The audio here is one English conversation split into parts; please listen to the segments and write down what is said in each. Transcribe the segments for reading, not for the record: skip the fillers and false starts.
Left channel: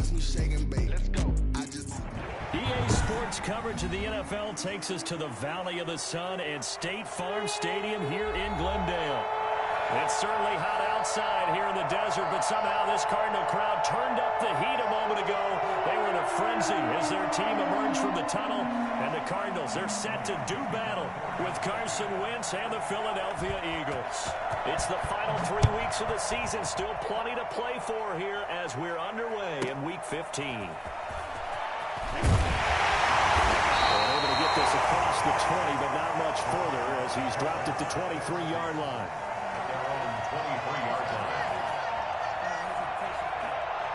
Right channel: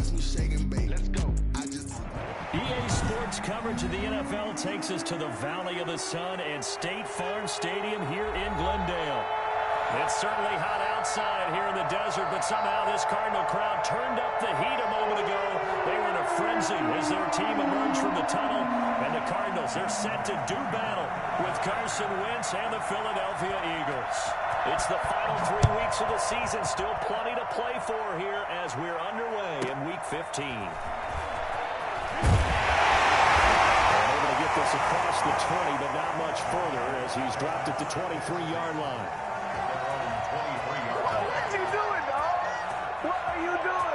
Watch me shake and bake. Let's go. EA Sports coverage of the NFL takes us to the Valley of the Sun and State Farm Stadium here in Glendale. It's certainly hot outside here in the desert, but somehow this Cardinal crowd turned up the heat a moment ago. They were in a frenzy as their team emerged from the tunnel, and the Cardinals, they're set to do battle with Carson Wentz and the Philadelphia Eagles. It's the final 3 weeks of the season, still plenty to play for here as we're underway in Week 15. Able to get this across the 20, but not much further as he's dropped at the 23-yard line. 23-yard line. What are you doing, dog? What are you doing?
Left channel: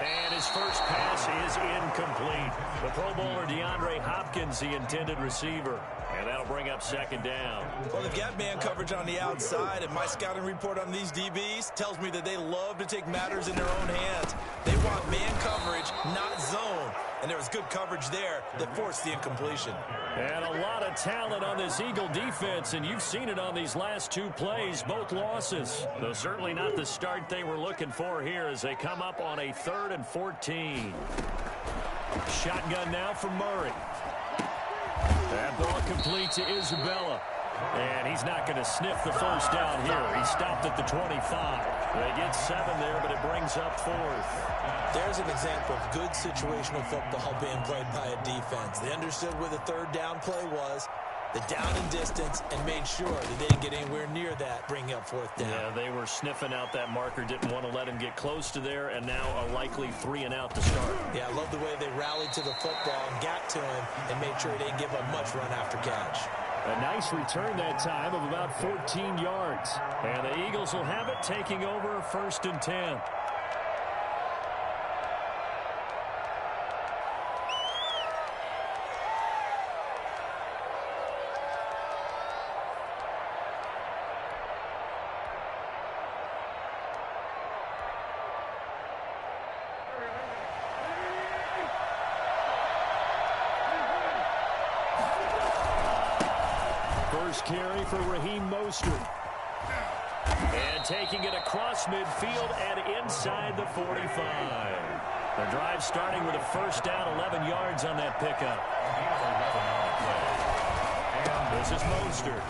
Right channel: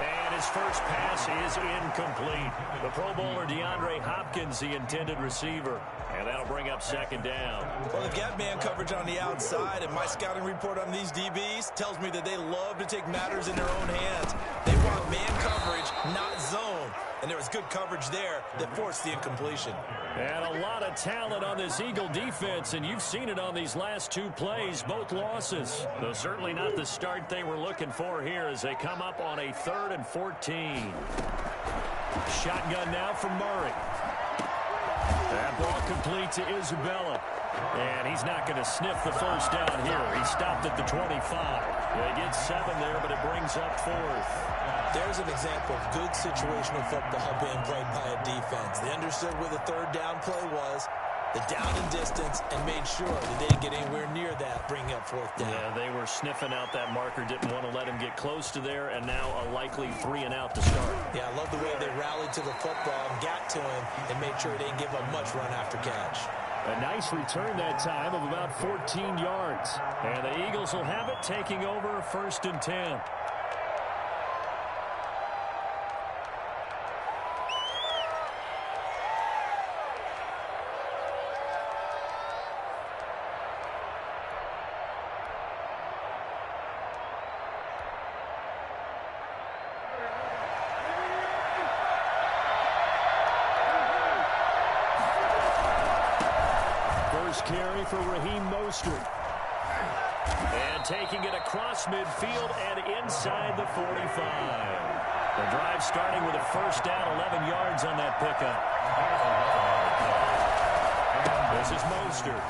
And his first pass is incomplete. The Pro Bowler DeAndre Hopkins, the intended receiver. And that'll bring up second down. Well, they've got man coverage on the outside, and my scouting report on these DBs tells me that they love to take matters in their own hands. They want man coverage, not zone. And there was good coverage there that forced the incompletion. And a lot of talent on this Eagle defense, and you've seen it on these last 2 plays, both losses. Though certainly not the start they were looking for here as they come up on a 3rd and 14. Shotgun now from Murray. That ball complete to Isabella. And he's not going to sniff the first down here. He stopped at the 25. They get 7 there, but it brings up 4th. There's an example of good situational football being played by a defense. They understood where the 3rd down play was, the down and distance, and made sure that they didn't get anywhere near that, bringing up 4th down. Yeah, they were sniffing out that marker, didn't want to let him get close to there, and now a likely 3 and out to start. Yeah, I love the way they rallied to the football and got to him and made sure he didn't give up much run after catch. A nice return that time of about 14 yards. And the Eagles will have it, taking over 1st and 10. First carry for Raheem Mostert. And taking it across midfield and inside the 45. The drive starting with a first down, 11 yards on that pickup. This is Mostert.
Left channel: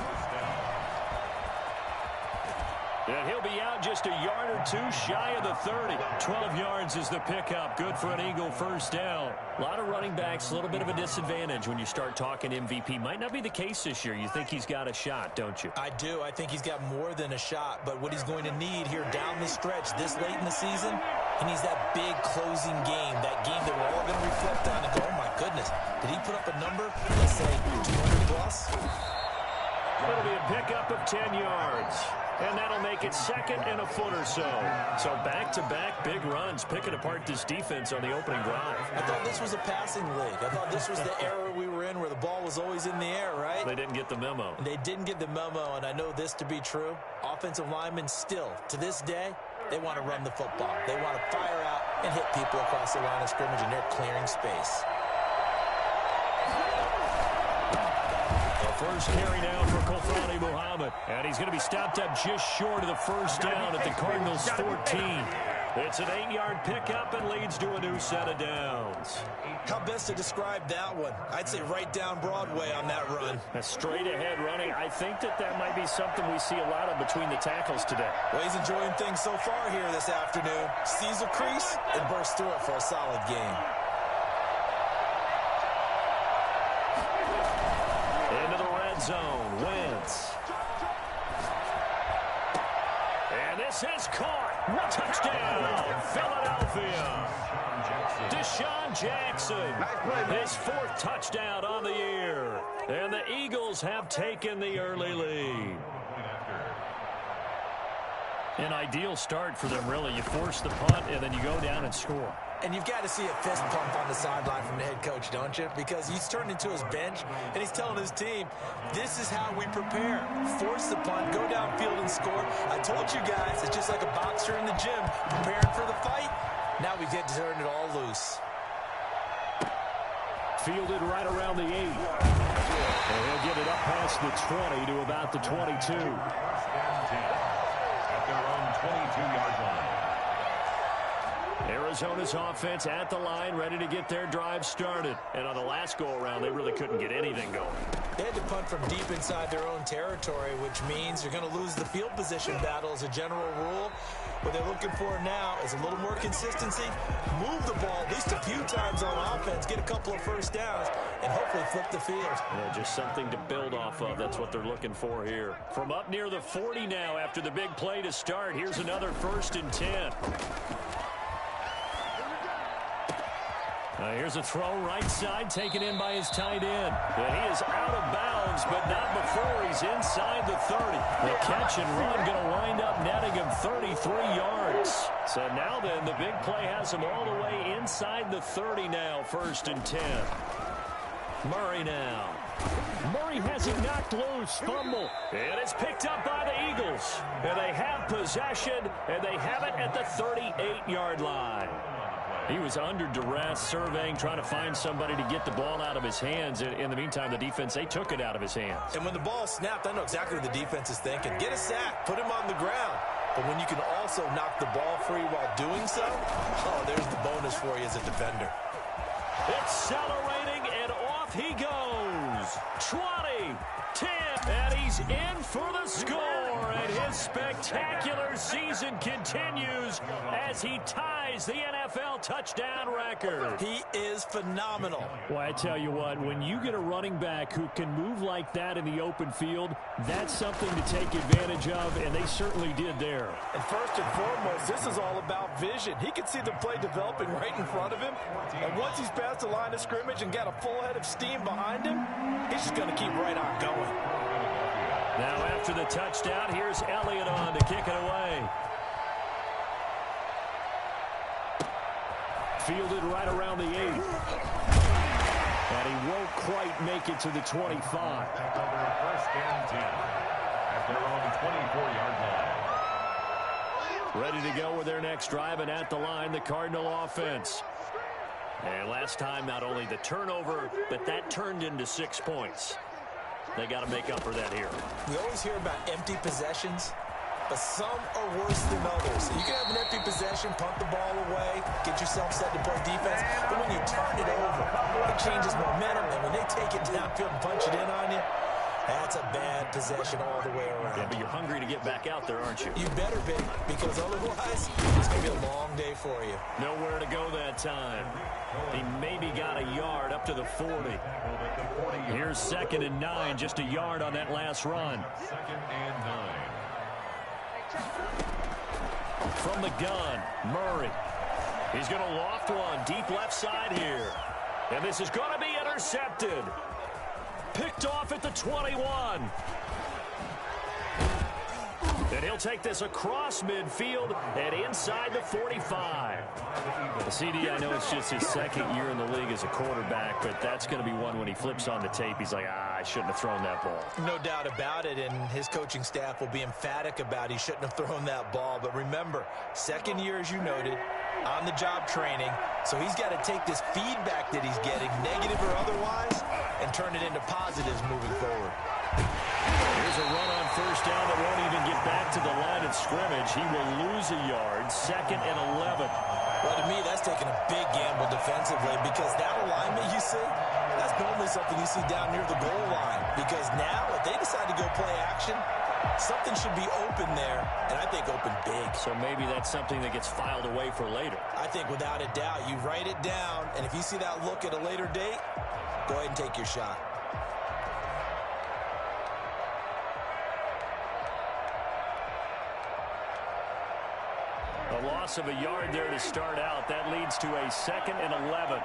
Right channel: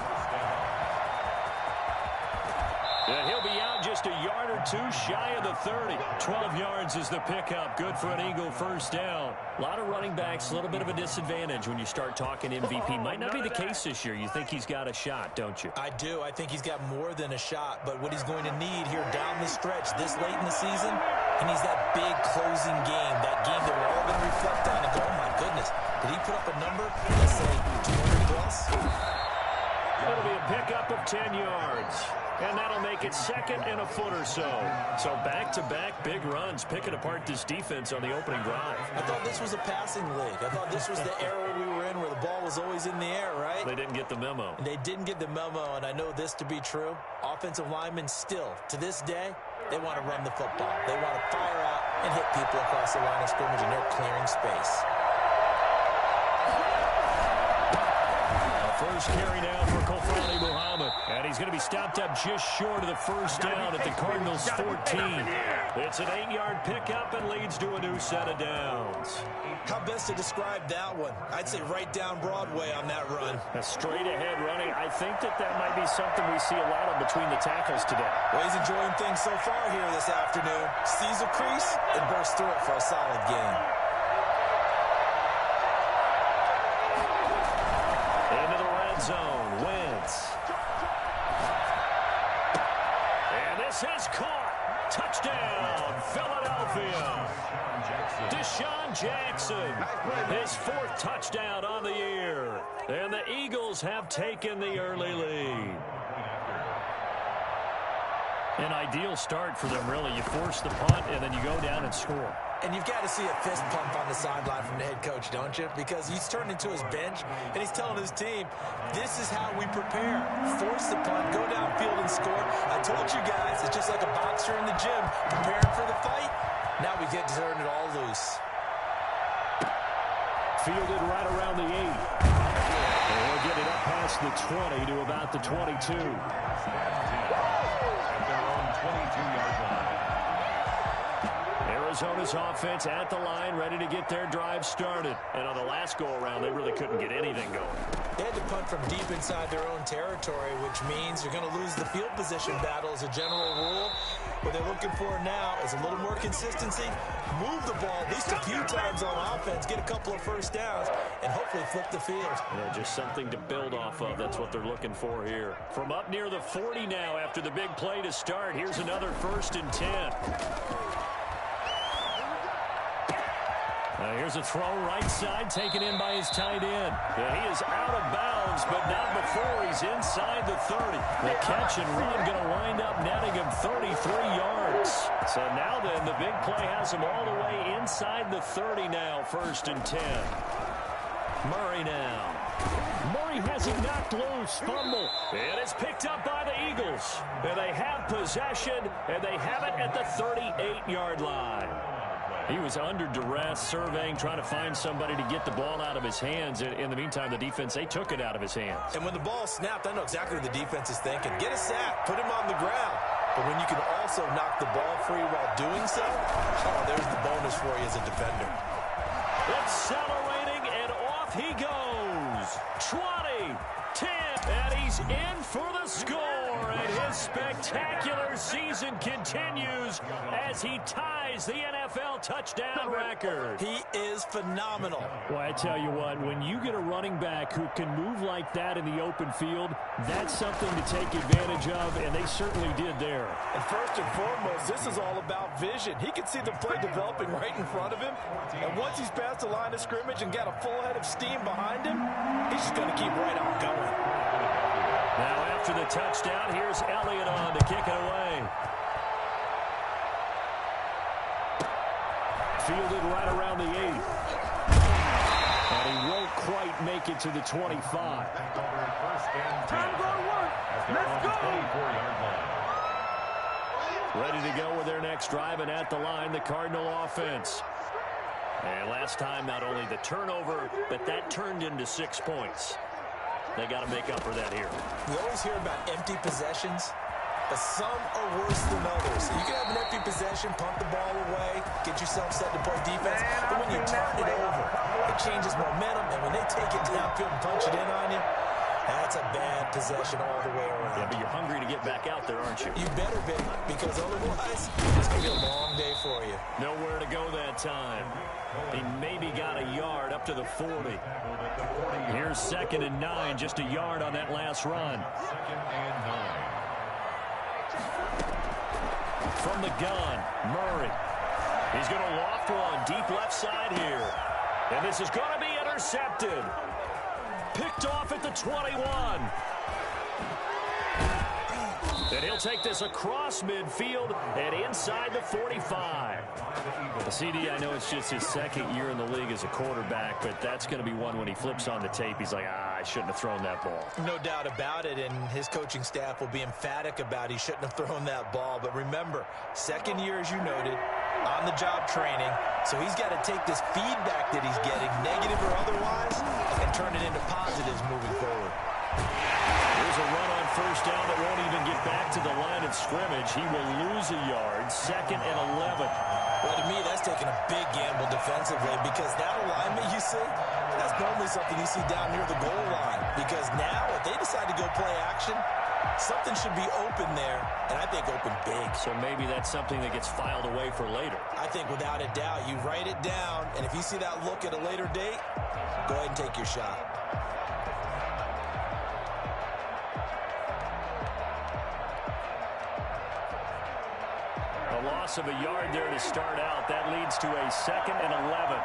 And he'll be out just a yard or 2 shy of the 30. 12 yards is the pickup. Good for an Eagle first down. A lot of running backs, a little bit of a disadvantage when you start talking MVP. Might not be the case this year. You think he's got a shot, don't you? I do. I think he's got more than a shot. But what he's going to need here down the stretch this late in the season, he needs that big closing game, that game that we're all going to reflect on and go, oh, my goodness, did he put up a number, let's say, 200 plus? It'll be a pickup of 10 yards. And that'll make it 2nd and a foot or so. So back-to-back big runs, picking apart this defense on the opening drive. I thought this was a passing league. I thought this was the era we were in where the ball was always in the air, right? They didn't get the memo. And they didn't get the memo, and I know this to be true. Offensive linemen still, to this day, they want to run the football. They want to fire out and hit people across the line of scrimmage, and they're clearing space. First carry now for Kofani Muhammad. And he's going to be stopped up just short of the first down at the Cardinals' 14. It's an 8-yard pickup and leads to a new set of downs. How best to describe that one? I'd say right down Broadway on that run. A straight-ahead running. I think that might be something we see a lot of between the tackles today. Well, he's enjoying things so far here this afternoon. Sees a crease and bursts through it for a solid game. Into the red zone, Wentz. And this is caught. Touchdown, Philadelphia. Deshaun Jackson, his 4th touchdown on the year. And the Eagles have taken the early lead. An ideal start for them, really. You force the punt, and then you go down and score. And you've got to see a fist pump on the sideline from the head coach, don't you? Because he's turned into his bench, and he's telling his team, this is how we prepare. Force the punt, go downfield and score. I told you guys, it's just like a boxer in the gym preparing for the fight. Now we get to turn it all loose. Fielded right around the 8. And he'll get it up past the 20 to about the 22. First and 10 at their own 22-yard line. Arizona's offense at the line, ready to get their drive started. And on the last go-around, they really couldn't get anything going. They had to punt from deep inside their own territory, which means you're going to lose the field position battle as a general rule. What they're looking for now is a little more consistency, move the ball at least a few times on offense, get a couple of first downs, and hopefully flip the field. Yeah, just something to build off of. That's what they're looking for here. From up near the 40 now after the big play to start, here's another 1st and 10. Here's a throw right side taken in by his tight end. And he is out of bounds, but not before he's inside the 30. The catch and run going to wind up netting him 33 yards. So now then, the big play has him all the way inside the 30 now, 1st and 10. Murray now. Murray has it knocked loose. Fumble. And it's picked up by the Eagles. And they have possession, and they have it at the 38-yard line. He was under duress, surveying, trying to find somebody to get the ball out of his hands. In the meantime, the defense, they took it out of his hands. And when the ball snapped, I know exactly what the defense is thinking. Get a sack, put him on the ground. But when you can also knock the ball free while doing so, oh, there's the bonus for you as a defender. Accelerating, and off he goes. 20, 10, and he's in for the score. And his spectacular season continues as he ties the NFL touchdown record. He is phenomenal. Well, I tell you what, when you get a running back who can move like that in the open field, that's something to take advantage of, and they certainly did there. And first and foremost, this is all about vision. He can see the play developing right in front of him, and once he's past the line of scrimmage and got a full head of steam behind him, he's just going to keep right on going. Now after the touchdown, here's Elliott on to kick it away. Fielded right around the 8. And he won't quite make it to the 25. Back over at 1st and 10 at their own 24-yard line. Ready to go with their next drive, and at the line, the Cardinal offense. And last time, not only the turnover, but that turned into 6 points. They got to make up for that here. We always hear about empty possessions, but some are worse than others. You can have an empty possession, punt the ball away, get yourself set to play defense, but when you turn it over, it changes momentum, and when they take it downfield and punch it in on you, that's a bad possession all the way around. Yeah, but you're hungry to get back out there, aren't you? You better be, because otherwise, it's going to be a long day for you. Nowhere to go that time. He maybe got a yard up to the 40. Here's 2nd and 9, just a yard on that last run. 2nd and 9. From the gun, Murray. He's going to loft one deep left side here. And this is going to be intercepted. Picked off at the 21. And he'll take this across midfield and inside the 45. CD, I know it's just his 2nd year in the league as a quarterback, but that's going to be one when he flips on the tape. He's like, I shouldn't have thrown that ball. No doubt about it, and his coaching staff will be emphatic about he shouldn't have thrown that ball. But remember, 2nd year, as you noted, on-the-job training, so he's got to take this feedback that he's getting, negative or otherwise, and turn it into positives moving forward. Here's a run on 1st down that won't even get back to the line of scrimmage. He will lose a yard, 2nd and 11. Well, to me, that's taking a big gamble defensively, because that alignment you see, that's normally something you see down near the goal line. Because now, if they decide to go play action, something should be open there, and I think open big. So maybe that's something that gets filed away for later. I think without a doubt, you write it down, and if you see that look at a later date, go ahead and take your shot. A loss of a yard there to start out. That leads to a 2nd and 11.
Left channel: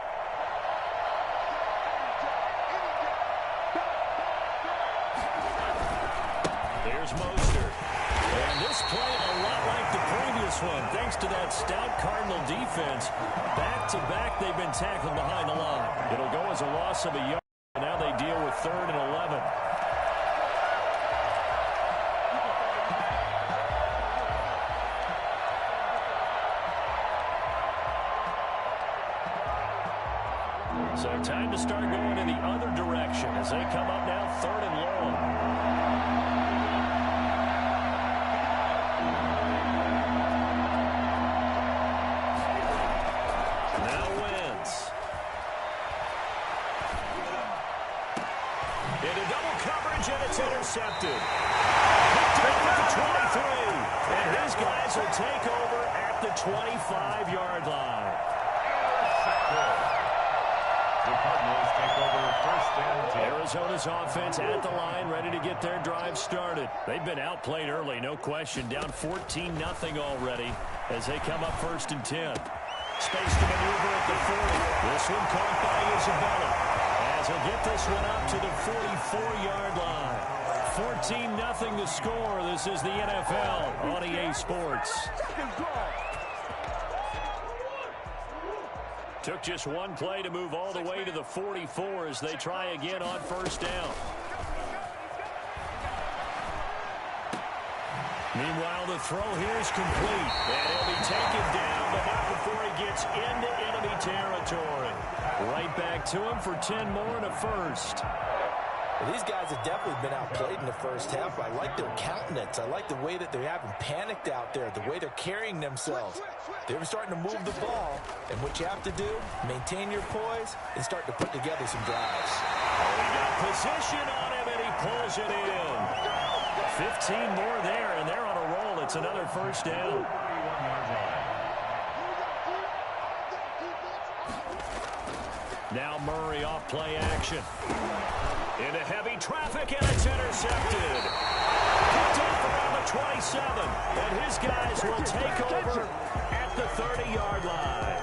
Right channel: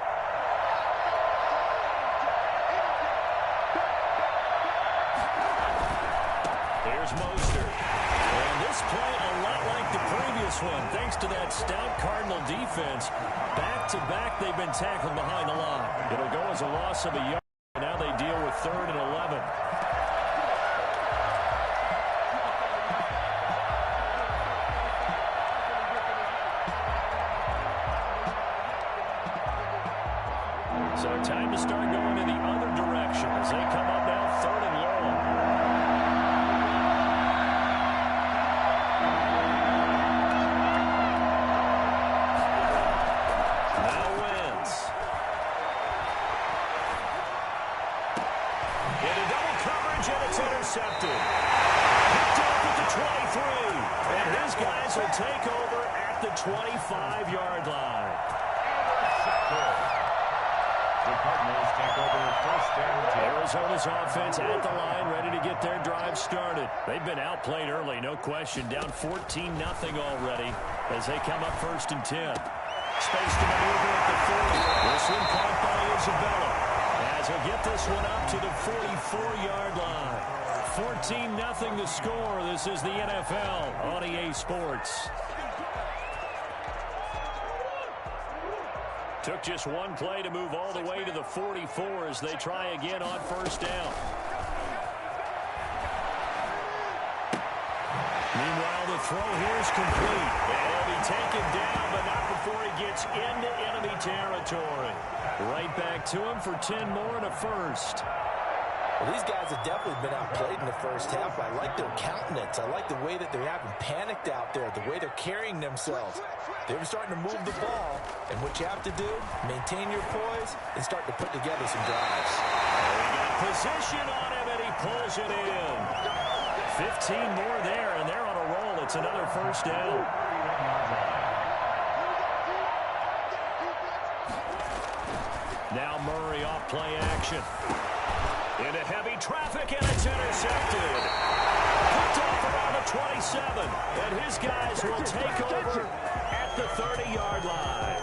Here's Mostert. And this play, a lot like the previous this one thanks to that stout Cardinal defense. Back-to-back, they've been tackled behind the line. It'll go as a loss of a yard. Now they deal with 3rd and 11. So time to start going in the other direction as they come up now 3rd and long. Now Wentz. Into double coverage, and it's intercepted. Picked up at the 23. And his guys will take over at the 25-yard line. Intercepted. The Cardinals take over 1st and 10. Arizona's offense at the line, ready to get their drive started. They've been outplayed early, no question. Down 14-0 already as they come up 1st and 10. Space to maneuver at the 40. This one caught by Isabella as he'll get this one up to the 44-yard line. 14-0 the score. This is the NFL on EA Sports. Took just one play to move all the way to the 44 as they try again on 1st down. Meanwhile, the throw here is complete. And he'll be taken down, but not before he gets into enemy territory. Right back to him for 10 more and a first. Well, these guys have definitely been outplayed in the first half. I like their countenance. I like the way that they haven't panicked out there, the way they're carrying themselves. They're starting to move the ball, and what you have to do, maintain your poise and start to put together some drives. Oh, he got position on him, and he pulls it in. 15 more there, and they're on a roll. It's another 1st down. Now Murray off play action. Into heavy traffic, and it's intercepted. Picked off around the 27, and his guys will take over at the 30-yard line.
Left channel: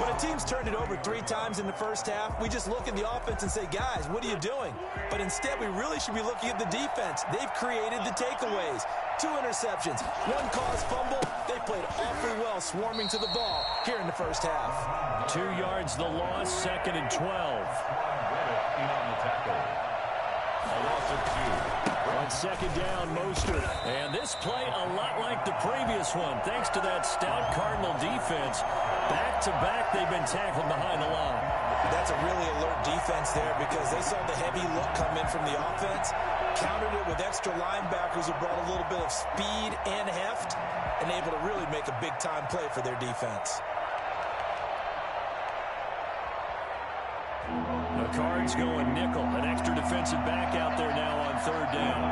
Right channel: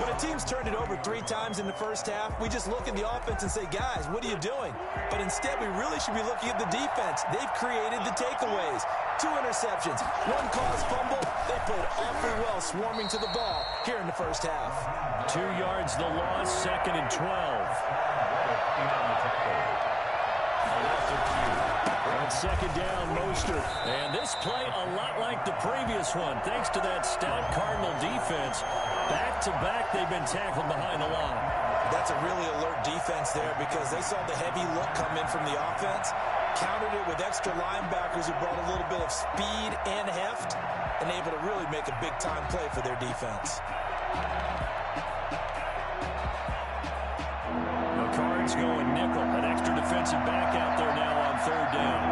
When a team's turned it over 3 times in the first half, we just look at the offense and say, guys, what are you doing? But instead, we really should be looking at the defense. They've created the takeaways. 2 interceptions, 1 caused fumble. They played awfully well swarming to the ball here in the first half. 2 yards the loss, 2nd and 12. A loss of 2. On 2nd down, Mostert. And this play a lot like the previous one, thanks to that stout Cardinal defense. Back-to-back, they've been tackled behind the line. That's a really alert defense there because they saw the heavy look come in from the offense, countered it with extra linebackers who brought a little bit of speed and heft, and able to really make a big-time play for their defense. The Cards going nickel. An extra defensive back out there now on 3rd down.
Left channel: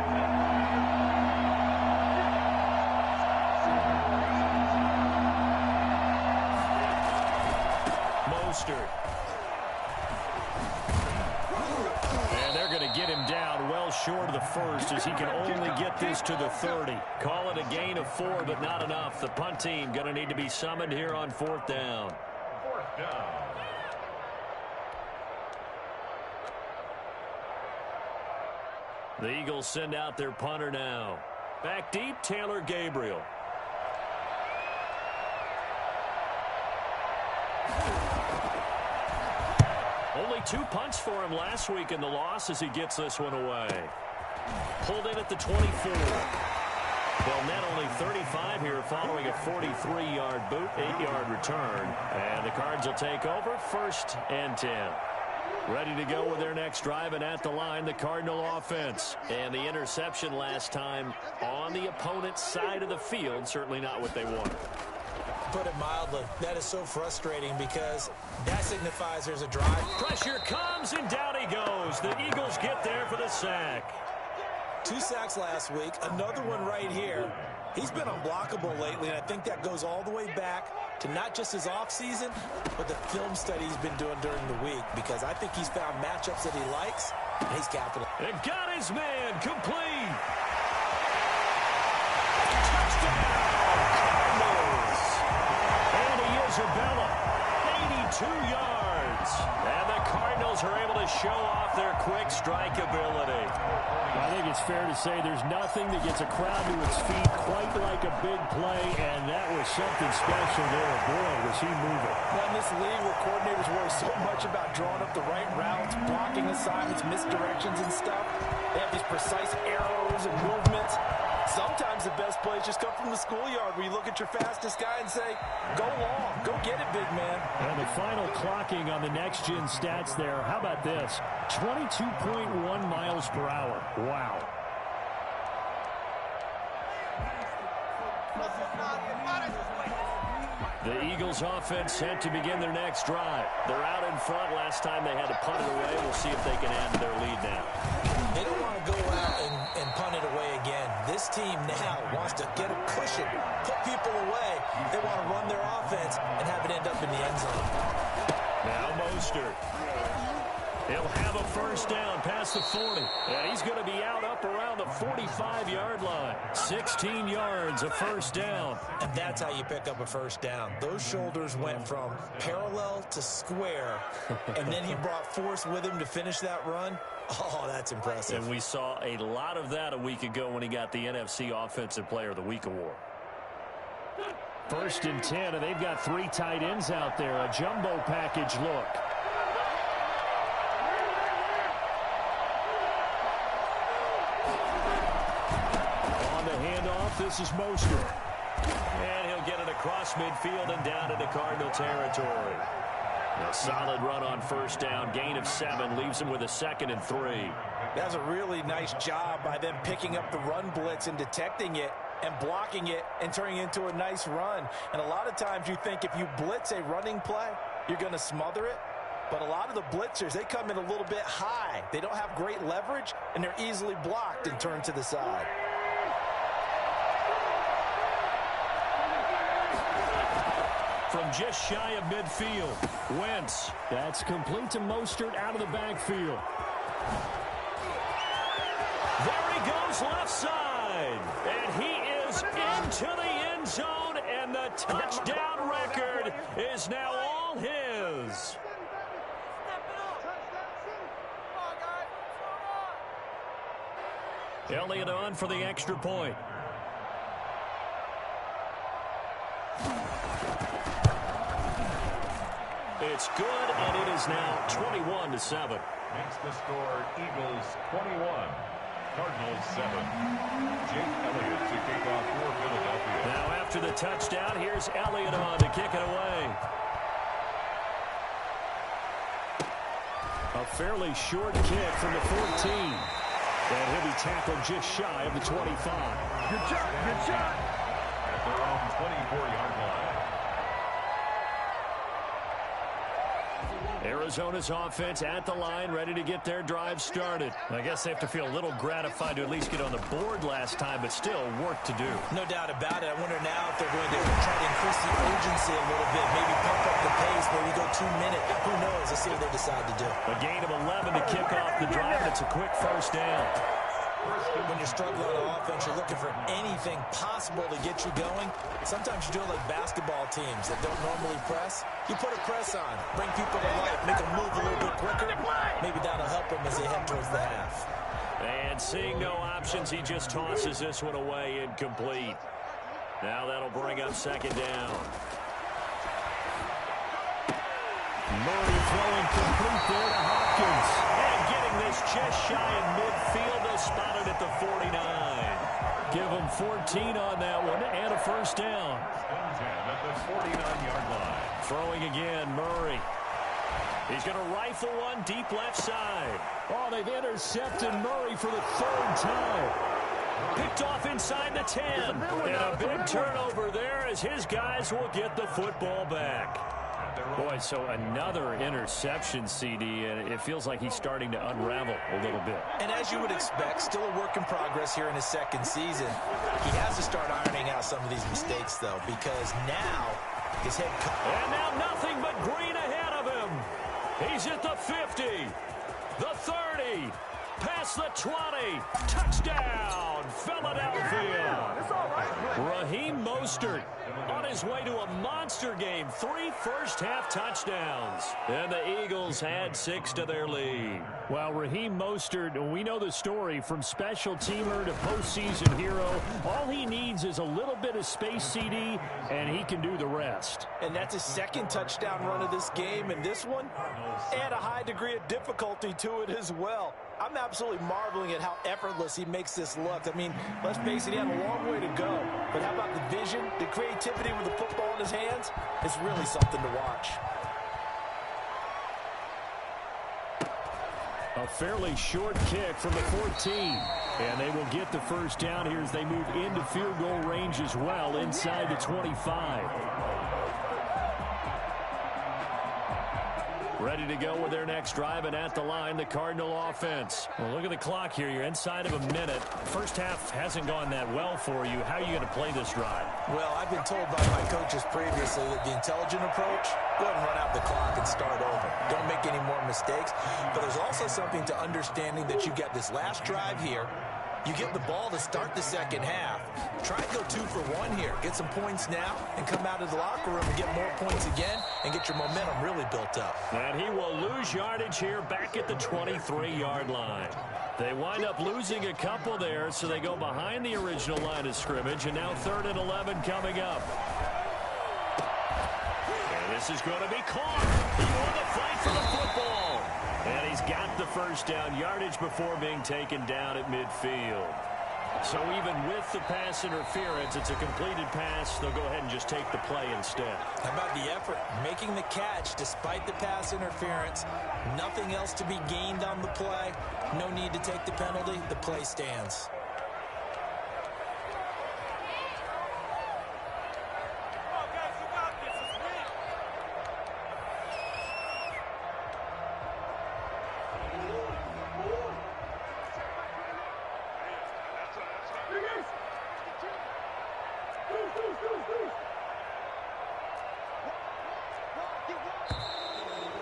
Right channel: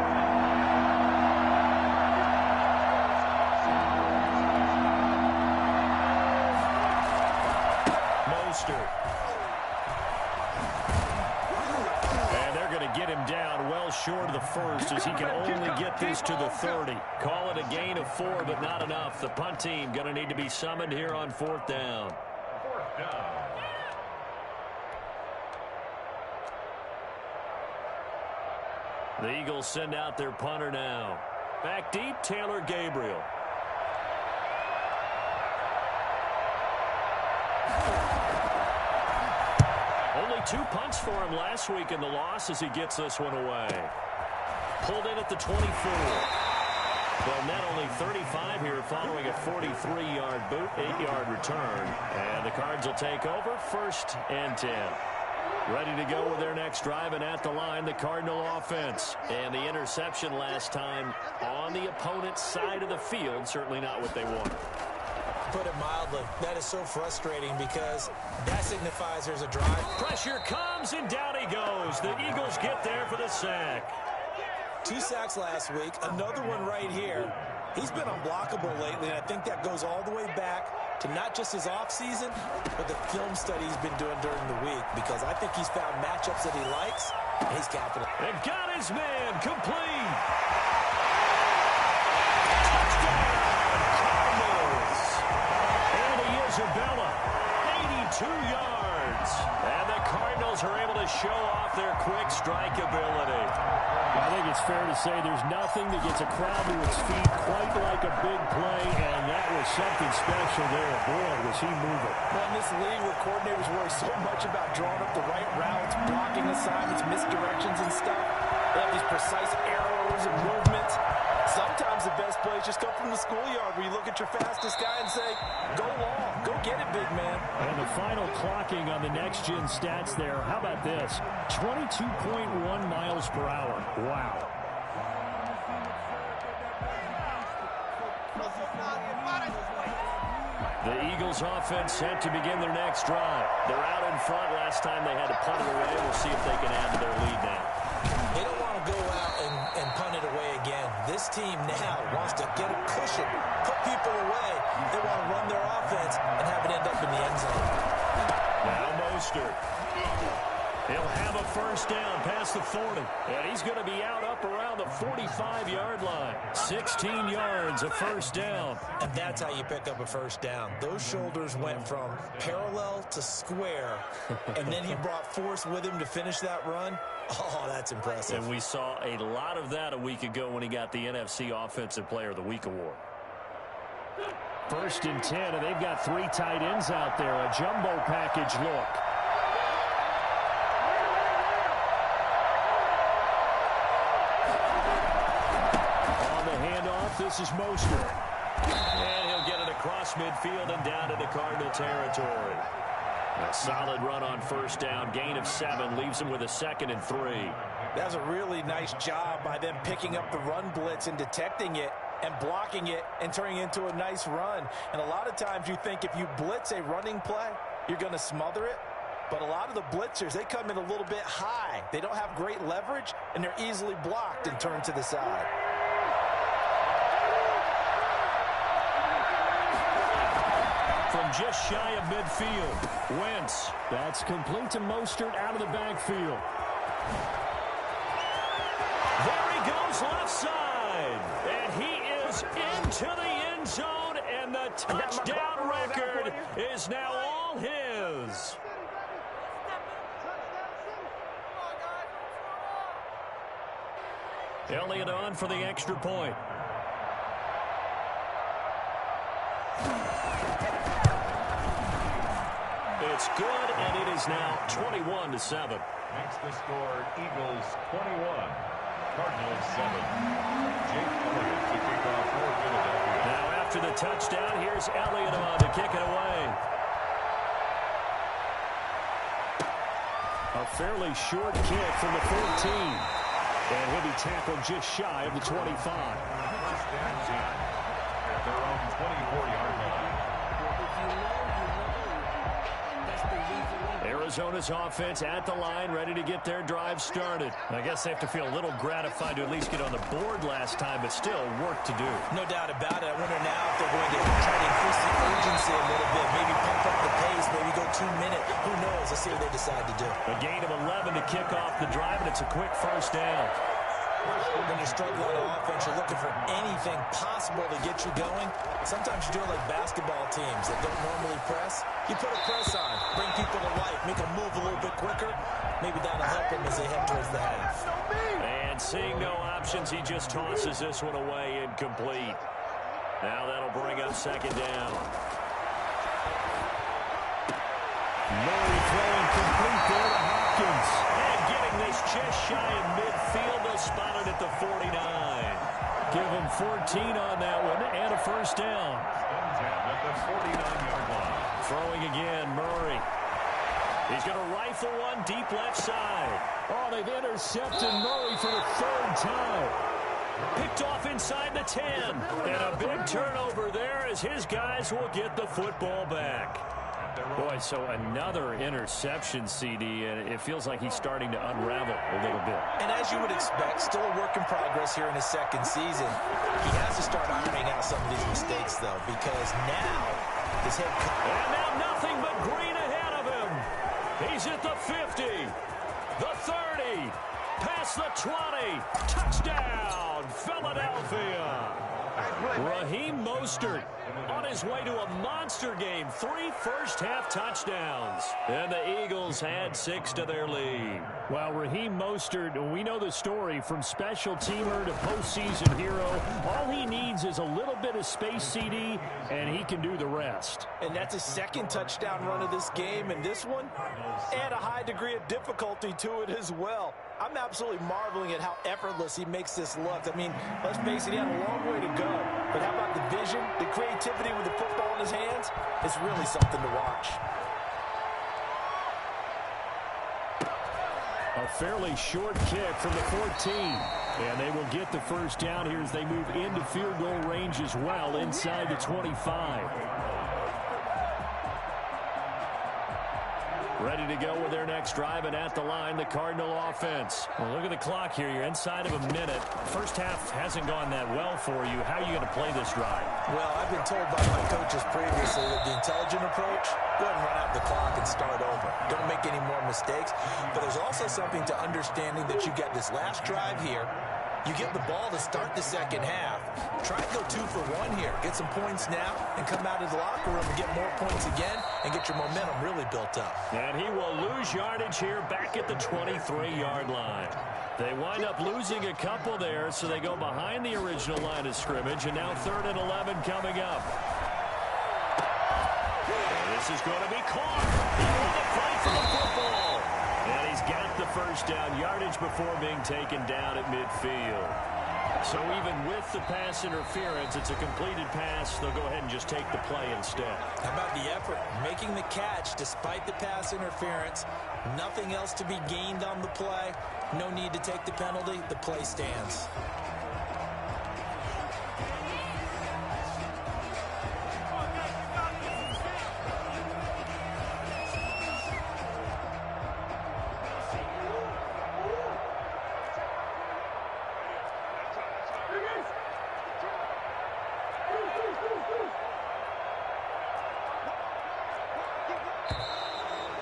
Mostert. And they're going to get him down well short of the first as he can only get this to the 30. Call it a gain of 4, but not enough. The punt team going to need to be summoned here on 4th down. 4th down. The Eagles send out their punter now. Back deep, Taylor Gabriel. Only 2 punts for him last week in the loss as he gets this one away. Pulled in at the 24. They'll net only 35 here following a 43-yard boot, 8-yard return. And the Cards will take over 1st and 10. Ready to go with their next drive, and at the line, the Cardinal offense. And the interception last time on the opponent's side of the field, certainly not what they wanted. Put it mildly, that is so frustrating because that signifies there's a drive. Pressure comes, and down he goes. The Eagles get there for the sack. 2 sacks last week, another one right here. He's been unblockable lately, and I think that goes all the way back to not just his offseason, but the film study he's been doing during the week, because I think he's found matchups that he likes, and he's capital. And got his man complete. Touchdown, Cardinals. And Isabella, 82 yards. And the Cardinals are able to to show off their quick strike ability. I think it's fair to say there's nothing that gets a crowd to its feet quite like a big play, and that was something special there. Boy, was he moving. Well, in this league where coordinators worry so much about drawing up the right routes, blocking assignments, misdirections and stuff, they have these precise arrows and movements. Sometimes the best plays just come from the schoolyard where you look at your fastest guy and say, go long, go get it, big man. And the final clocking on the next-gen stats there, how about this? 22.1 miles per hour. Wow. The Eagles offense set to begin their next drive. They're out in front. Last time they had to punt it away. We'll see if they can add to their lead now. They don't want to go out and punt it away again. This team now wants to get a cushion, put people away. They want to run their offense and have it end up in the end zone. Now Mostert. He'll have a first down past the 40. And he's going to be out up around the 45-yard line. 16 yards, a first down. And that's how you pick up a first down. Those shoulders went from parallel to square, and then he brought force with him to finish that run. Oh, that's impressive. And we saw a lot of that a week ago when he got the NFC Offensive Player of the Week award. 1st and 10, and they've got 3 tight ends out there. A jumbo package look. Handoff, this is Mostert. And he'll get it across midfield and down into Cardinal territory. A solid run on first down, gain of 7, leaves him with a 2nd and 3. That was a really nice job by them picking up the run blitz and detecting it and blocking it and turning it into a nice run. And a lot of times you think if you blitz a running play, you're going to smother it. But a lot of the blitzers, they come in a little bit high. They don't have great leverage, and they're easily blocked and turned to the side. From just shy of midfield, Wentz. That's complete to Mostert out of the backfield. There he goes left side. And he is into the end zone, and the touchdown record is now all his. Elliott on for the extra point. It's good, and it is now 21-7. Makes the score Eagles 21, Cardinals 7. Jake Elliott to kick off for Philadelphia. Now after the touchdown, here's Elliott on to kick it away. A fairly short kick from the 14. And he'll be tackled just shy of the 25. Good job. At their own 24-yard line. Arizona's offense at the line, ready to get their drive started. I guess they have to feel a little gratified to at least get on the board last time, but still work to do. No doubt about it. I wonder now if they're going to try to increase the urgency a little bit, maybe pump up the pace, maybe go 2-minute. Who knows? Let's see what they decide to do. A gain of 11 to kick off the drive, and it's a quick first down. When you're struggling on offense, you're looking for anything possible to get you going. Sometimes you do it like basketball teams that don't normally press. You put a press on, bring people to life, make them move a little bit quicker. Maybe that'll help them as they head towards the half. And seeing no options, he just tosses this one away, incomplete. Now that'll bring up 2nd down. Murray throwing complete there to Hopkins. And getting this just shy of midfield, they'll spot it at the 49. Give him 14 on that one and a first down. At the 49-yard line. Throwing again, Murray. He's going to rifle one deep left side. Oh, they've intercepted Murray for the 3rd time. Picked off inside the 10. And a big turnover there as his guys will get the football back. Boy, so another interception, CD, and it feels like he's starting to unravel a little bit. And as you would expect, still a work in progress here in his 2nd season. He has to start ironing out some of these mistakes, though, because now his head coach. And now nothing but green ahead of him. He's at the 50, the 30, Past the 20. Touchdown, Philadelphia. Raheem Mostert on his way to a monster game. 3 first-half touchdowns. And the Eagles add 6 to their lead. Well, Raheem Mostert, we know the story from special teamer to postseason hero. All he needs is a little bit of space, CD, and he can do the rest. And that's his second touchdown run of this game. And this one, add a high degree of difficulty to it as well. I'm absolutely marveling at how effortless he makes this look. I mean, let's face it, he had a long way to go. But how about the vision, the creativity with the football in his hands? It's really something to watch. A fairly short kick from the 14. And they will get the first down here as they move into field goal range as well inside the 25. Ready to go with their next drive, and at the line, the Cardinal offense. Well, look at the clock here. You're inside of a minute. First half hasn't gone that well for you. How are you going to play this drive? Well, I've been told by my coaches previously that the intelligent approach, go ahead and run out the clock and start over. Don't make any more mistakes. But there's also something to understanding that you get this last drive here. You get the ball to start the second half. Try and go 2 for 1 here. Get some points now and come out of the locker room and get more points again and get your momentum really built up. And he will lose yardage here back at the 23-yard line. They wind up losing a couple there, so they go behind the original line of scrimmage, and now 3rd and 11 coming up. And this is going to be caught. He won the fight for the football. And he's got the first down, yardage before being taken down at midfield. So even with the pass interference, it's a completed pass. They'll go ahead and just take the play instead. How about the effort? Making the catch despite the pass interference. Nothing else to be gained on the play. No need to take the penalty. The play stands.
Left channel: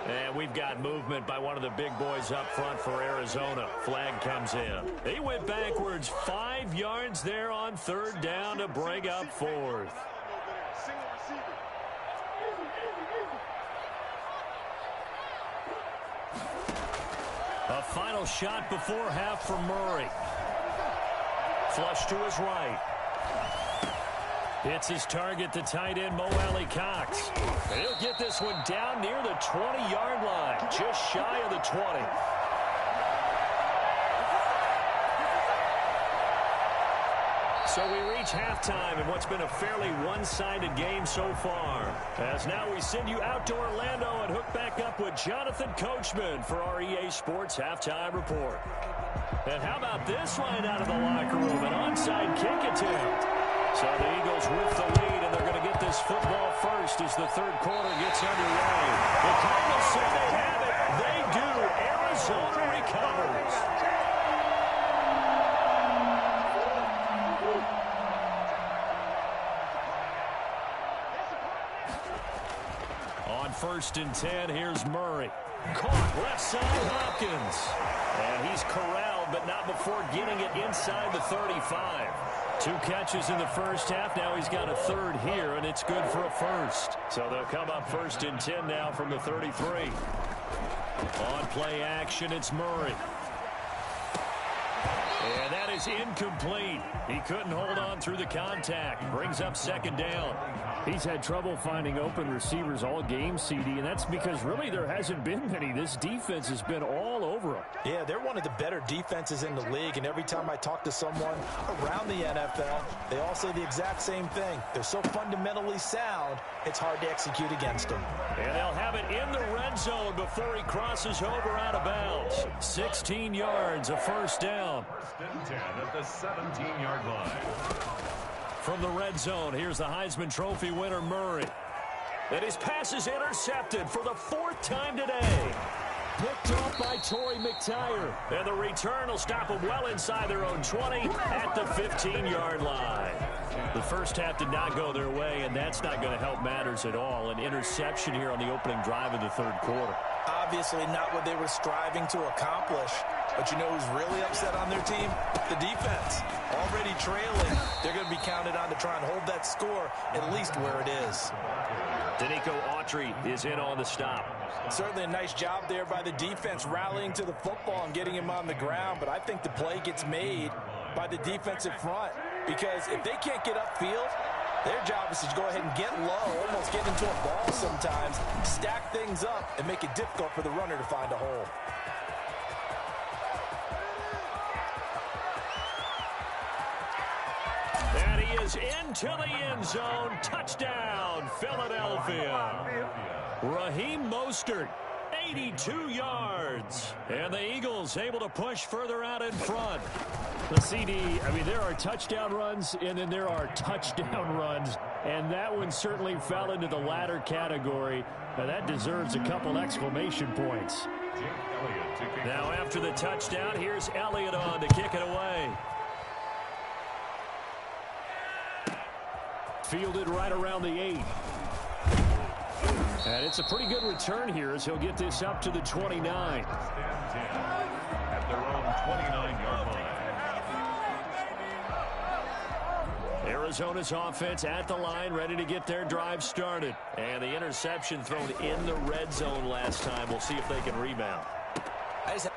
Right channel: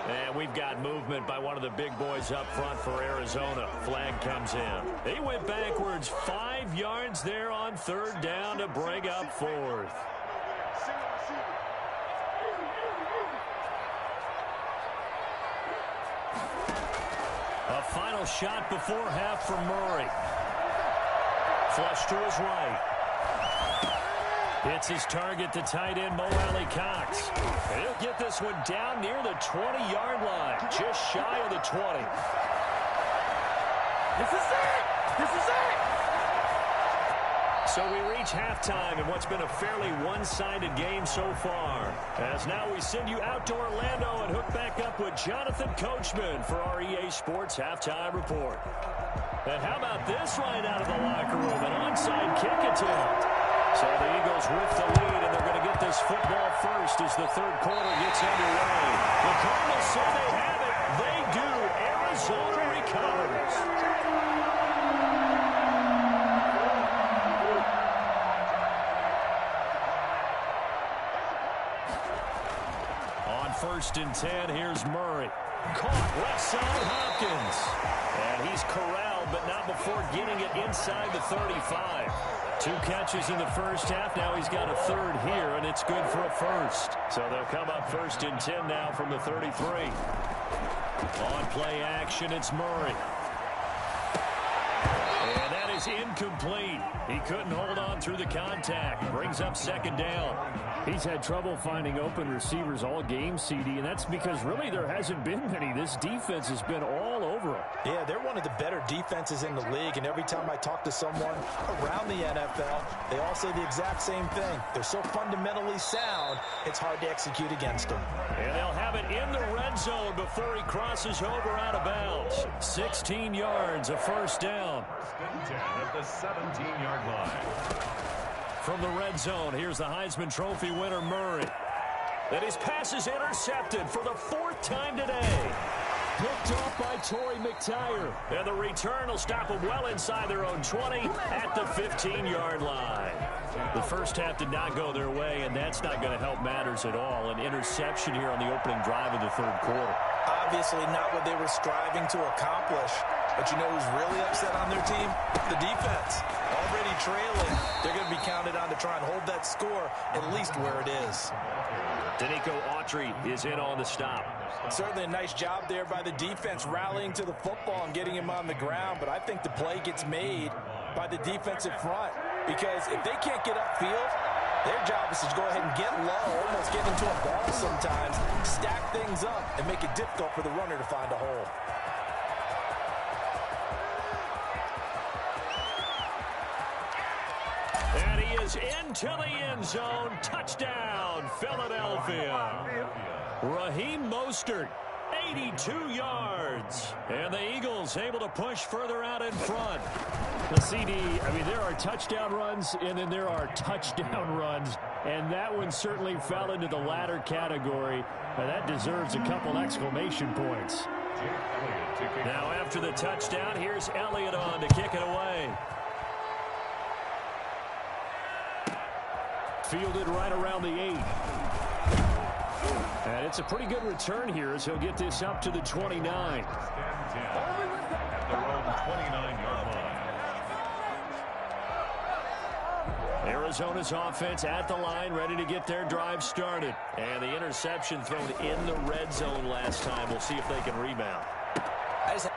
And we've got movement by one of the big boys up front for Arizona. Flag comes in. He went backwards 5 yards there on 3rd down to bring up 4th. A final shot before half for Murray. Flush to his right. It's his target, the tight end, Mo Alley Cox. And he'll get this one down near the 20-yard line, just shy of the 20. This is it! This is it! So we reach halftime in what's been a fairly one-sided game so far. As now we send you out to Orlando and hook back up with Jonathan Coachman for our EA Sports Halftime Report. And how about this right out of the locker room, an onside kick attempt. So the Eagles with the lead, and they're going to get this football first as the 3rd quarter gets underway. The Cardinals say they have it. They do. Arizona recovers. On 1st and 10, here's Murray. Caught left side, Hopkins. And he's corralled, but not before getting it inside the 35. 2 catches in the first half. Now he's got a 3rd here, and it's good for a 1st. So they'll come up 1st and 10 now from the 33. On play action, it's Murray. And that is incomplete. He couldn't hold on through the contact. Brings up 2nd down. He's had trouble finding open receivers all game, CD, and that's because really there hasn't been many. This defense has been all over him. Yeah, they're one of the better defenses in the league, and every time I talk to someone around the NFL, they all say the exact same thing. They're so fundamentally sound, it's hard to execute against them. And they'll have it in the red zone before he crosses over out of bounds. 16 yards, a 1st down. 1st and 10 at the 17-yard line. From the red zone, here's the Heisman Trophy winner, Murray. And his pass is intercepted for the 4th time today. Picked off by Torrey McTyer. And the return will stop them well inside their own 20 at the 15-yard line. The first half did not go their way, and that's not going to help matters at all. An interception here on the opening drive of the 3rd quarter. Obviously not what they were striving to accomplish. But you know who's really upset on their team? The defense. Already trailing. They're going to be counted on to try and hold that score at least where it is. Danico Autry is in on the stop. Certainly a nice job there by the defense rallying to the football and getting him on the ground. But I think the play gets made by the defensive front. Because if they can't get upfield, their job is to go ahead and get low, almost get into a ball sometimes, stack things up, and make it difficult for the runner to find a hole. And he is into the end zone. Touchdown, Philadelphia. Raheem Mostert, 82 yards. And the Eagles able to push further out in front. The CD, I mean, there are touchdown runs, and then there are touchdown runs. And that one certainly fell into the latter category. That deserves a couple exclamation points. Now after the touchdown, here's Elliott on to kick it away. Fielded right around the 8. And it's a pretty good return here as he'll get this up to the 29. At their own 29-yard line. Arizona's offense at the line, ready to get their drive started. And the interception thrown in the red zone last time. We'll see if they can rebound.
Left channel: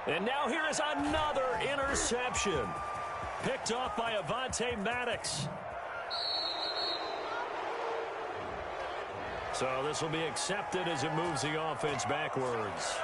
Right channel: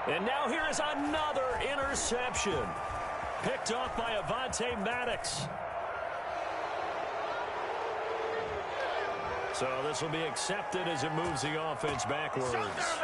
And now here is another interception. Picked off by Avonte Maddox. So this will be accepted as it moves the offense backwards.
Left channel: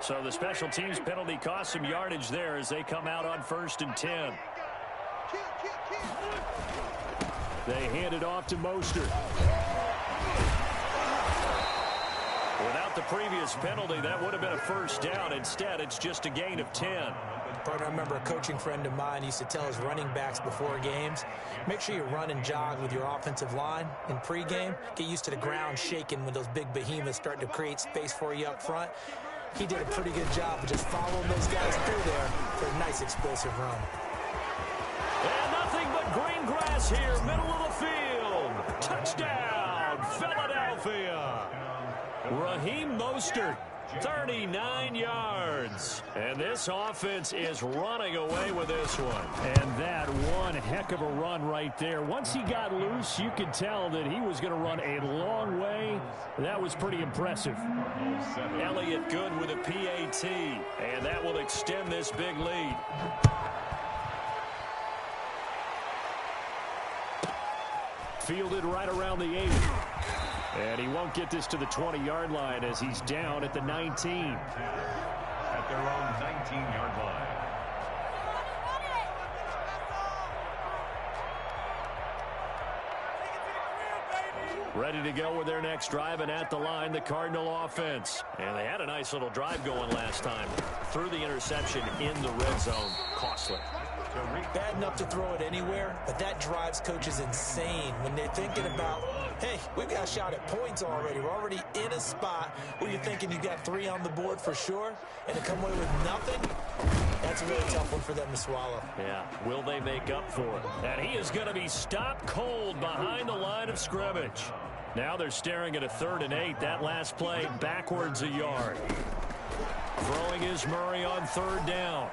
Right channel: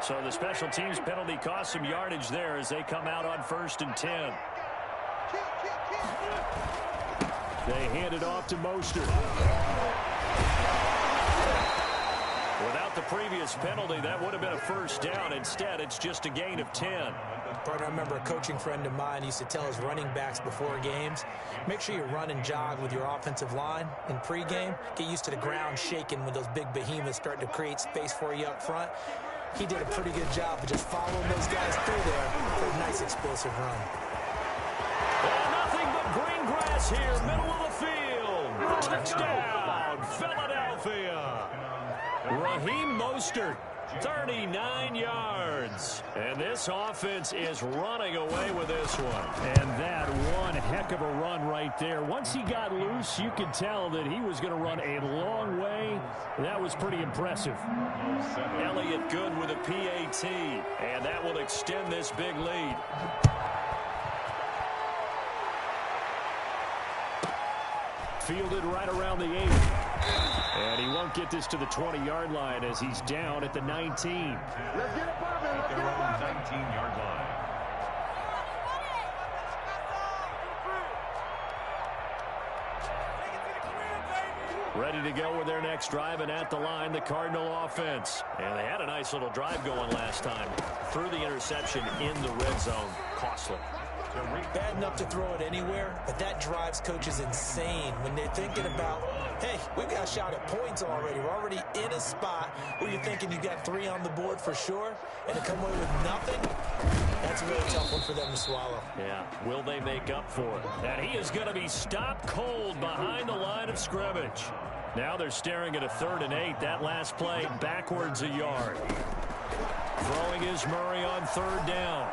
So the special teams penalty cost some yardage there as they come out on 1st and 10. They hand it off to Mostert. Without the previous penalty, that would have been a first down. Instead, it's just a gain of 10. Partner, I remember a coaching friend of mine used to tell his running backs before games, make sure you run and jog with your offensive line in pregame. Get used to the ground shaking when those big behemoths start to create space for you up front. He did a pretty good job of just following those guys through there for a nice explosive run. And nothing but green grass here, middle of the field. Touchdown, Philadelphia. Raheem Mostert, 39 yards. And this offense is running away with this one. And that one heck of a run right there. Once he got loose, you could tell that he was going to run a long way. That was pretty impressive. Elliott good with a PAT, and that will extend this big lead. Fielded right around the 8. And he won't get this to the 20-yard line as he's down at the 19. At their own 19-yard line. Ready to go with their next drive, and at the line, the Cardinal offense. And they had a nice little drive going last time. Threw the interception in the red zone. Costly. Bad enough to throw it anywhere, but that drives coaches insane when they're thinking about, hey, we've got a shot at points already. We're already in a spot where you're thinking you got 3 on the board for sure, and to come away with nothing, that's a really tough one for them to swallow. Yeah, will they make up for it? And he is going to be stopped cold behind the line of scrimmage. Now they're staring at a 3rd and 8. That last play backwards a yard. Throwing is Murray on 3rd down.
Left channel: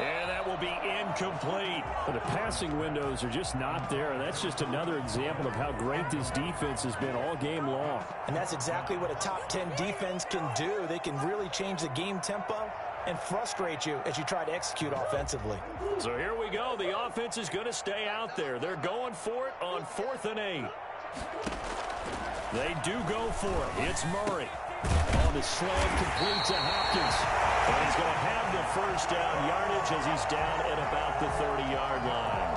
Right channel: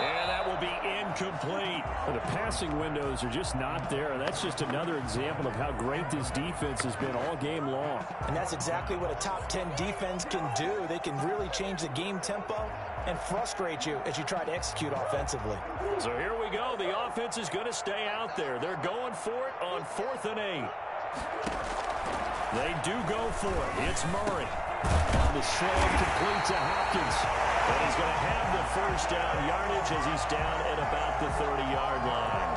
And that will be incomplete. The passing windows are just not there. That's just another example of how great this defense has been all game long. And that's exactly what a top 10 defense can do. They can really change the game tempo and frustrate you as you try to execute offensively. So here we go. The offense is going to stay out there. They're going for it on 4th and 8. They do go for it. It's Murray. On the slant, complete to Hopkins. And he's going to have the first down yardage as he's down at about the 30-yard line.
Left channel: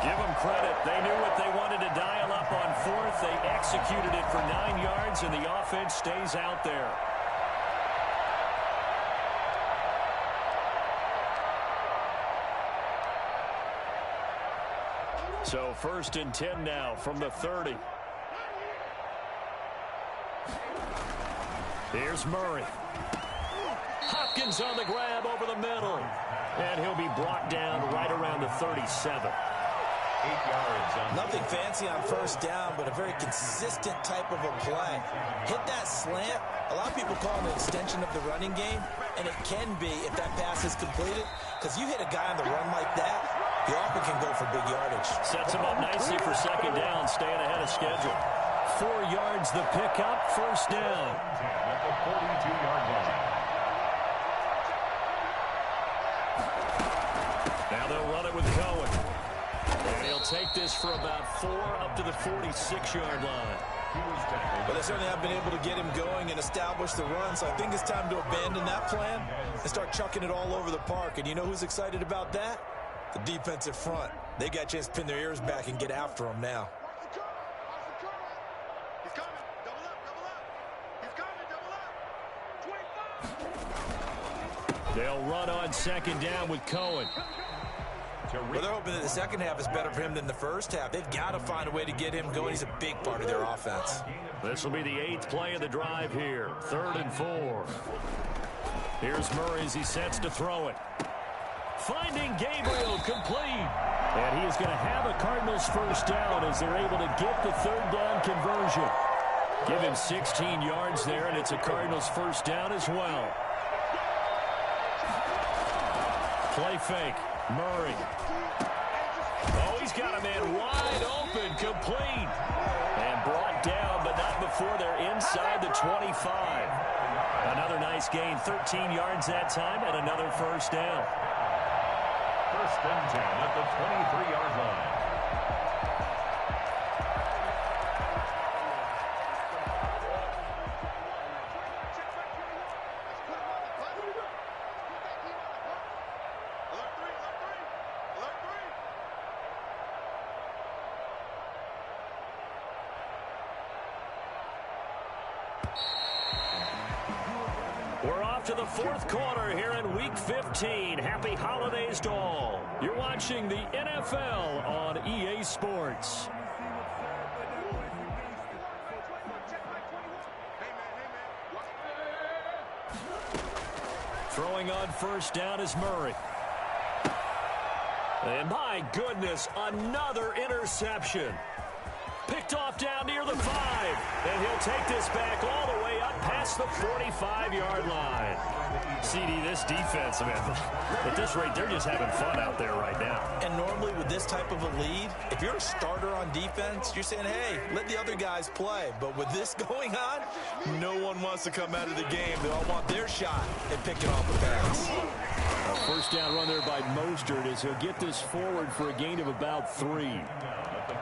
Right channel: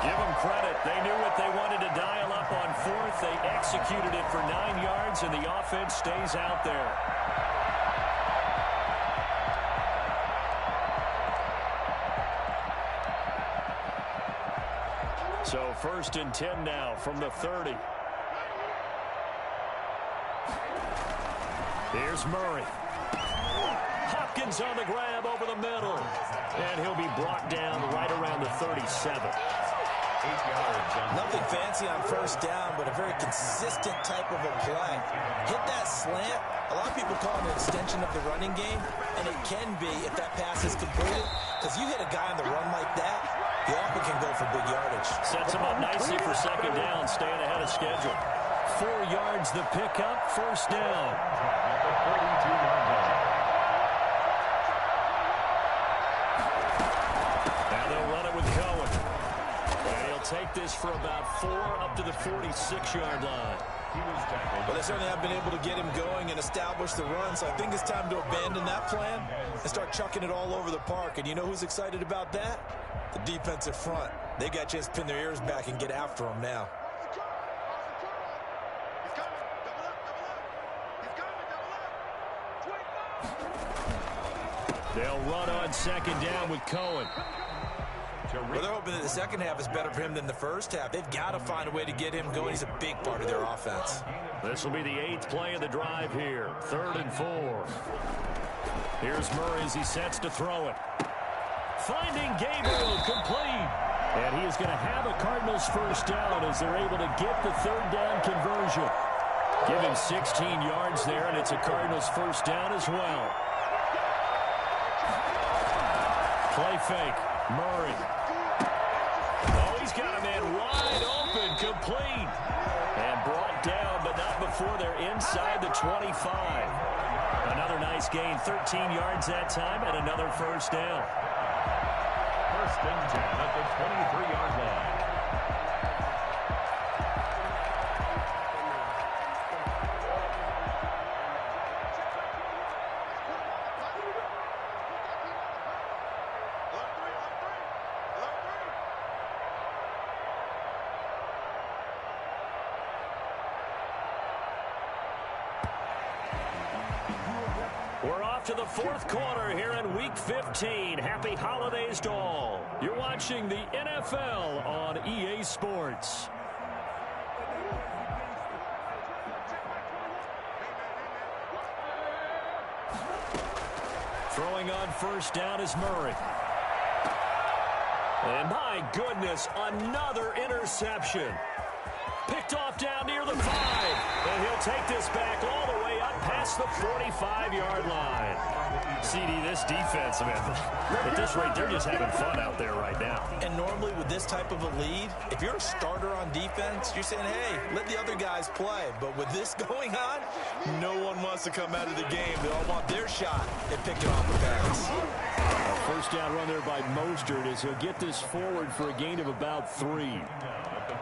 Give them credit. They knew what they wanted to dial up on 4th. They executed it for 9 yards, and the offense stays out there. So 1st and 10 now from the 30. Here's Murray. Hopkins on the grab over the middle. And he'll be brought down right around the 37. 8 yards on nothing fancy on first down, but a very consistent type of a play. Hit that slant. A lot of people call it an extension of the running game, and it can be if that pass is completed, because you hit a guy on the run like that, he often can go for big yardage. Sets him up nicely for second down, staying ahead of schedule. 4 yards the pickup, first down. at the 42-yard line. Now they'll run it with Cohen. And he'll take this for about 4 up to the 46-yard line. But they certainly have been able to get him going and establish the run, so I think it's time to abandon that plan and start chucking it all over the park. And you know who's excited about that? The defensive front. They got a chance to pin their ears back and get after him now. They'll run on second down with Cohen. Well, they're hoping that the second half is better for him than the first half. They've got to find a way to get him going. He's a big part of their offense. This will be the 8th play of the drive here. 3rd and 4. Here's Murray as he sets to throw it. Finding Gabriel, complete. And he is going to have a Cardinals first down as they're able to get the 3rd down conversion. Give him 16 yards there, and it's a Cardinals first down as well. Play fake. Murray. Oh, he's got a man wide open, complete. And brought down, but not before they're inside the 25. Another nice gain, 13 yards that time, and another first down. 1st and 10 at the 23-yard line. We're off to the 4th quarter here in Week 15. Happy holidays to all. You're watching the NFL on EA Sports. Throwing on first down is Murray. And my goodness, another interception. Picked off down near the 5. And he'll take this back all the way up past the 45-yard line. CD, this defense, man, at this rate, they're just having fun out there right now. And normally with this type of a lead, if you're a starter on defense, you're saying, hey, let the other guys play. But with this going on, no one wants to come out of the game. They all want their shot at picking off the pass. A first down run there by Mostert as he'll get this forward for a gain of about 3.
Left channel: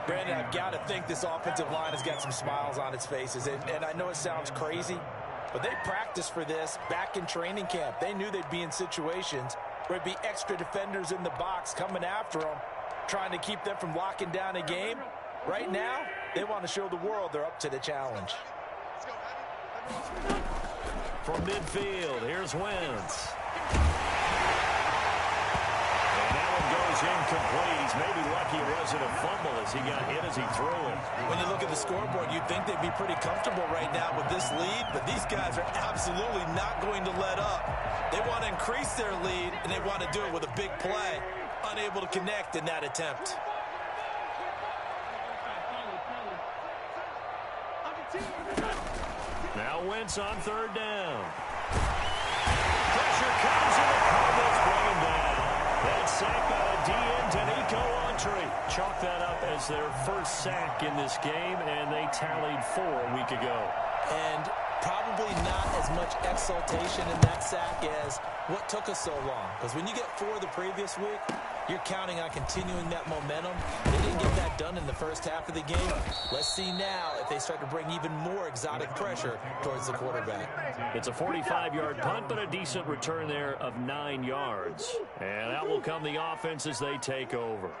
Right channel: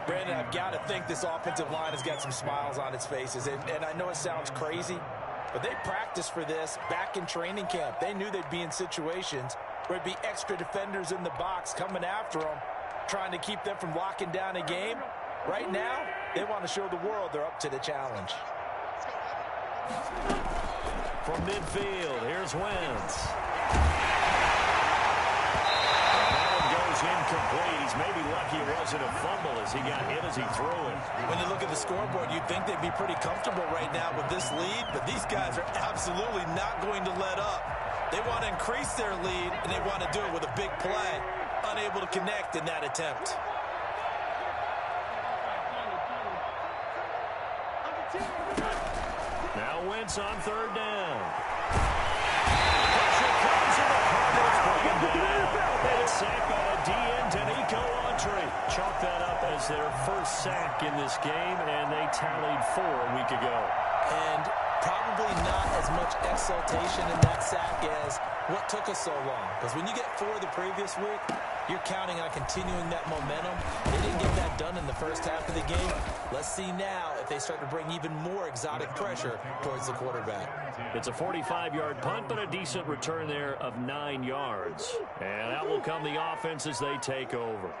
Brandon, I've got to think this offensive line has got some smiles on its faces. And I know it sounds crazy, but they practiced for this back in training camp. They knew they'd be in situations where it'd be extra defenders in the box coming after them, trying to keep them from locking down a game. Right now, they want to show the world they're up to the challenge. From midfield, here's Wentz. Incomplete. He's maybe lucky it wasn't a fumble as he got hit as he threw it. When you look at the scoreboard, you'd think they'd be pretty comfortable right now with this lead, but these guys are absolutely not going to let up. They want to increase their lead, and they want to do it with a big play. Unable to connect in that attempt. Now Wentz on 3rd down. Pressure comes, and the Cardinals bring him down. That's sacked by the DN, Danico Autry. Chalk that up as their first sack in this game, and they tallied 4 a week ago. And probably not as much exultation in that sack as what took us so long. Because when you get 4 the previous week, you're counting on continuing that momentum. They didn't get that done in the first half of the game. Let's see now if they start to bring even more exotic pressure towards the quarterback. It's a 45-yard punt, but a decent return there of 9 yards. And that will come the offense as they take over.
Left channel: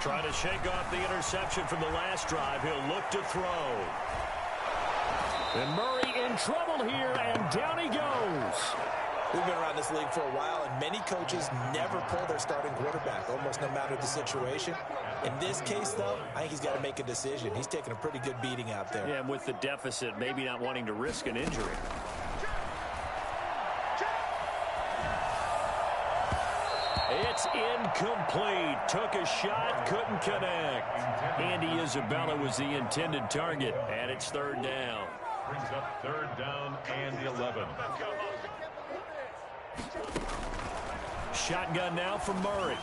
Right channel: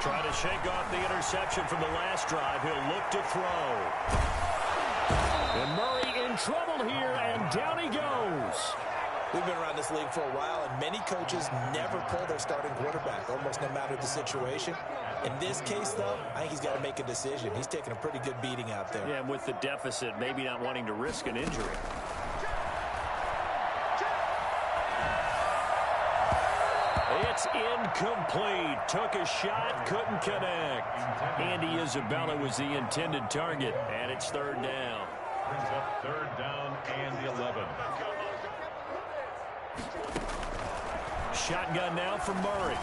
Trying to shake off the interception from the last drive. He'll look to throw. And Murray in trouble here, and down he goes. We've been around this league for a while, and many coaches never pull their starting quarterback, almost no matter the situation. In this case, though, I think he's got to make a decision. He's taking a pretty good beating out there. Yeah, and with the deficit, maybe not wanting to risk an injury. It's incomplete. Took a shot, couldn't connect. Andy Isabella was the intended target, and it's third down. Brings up third down and 11. Shotgun now for Murray.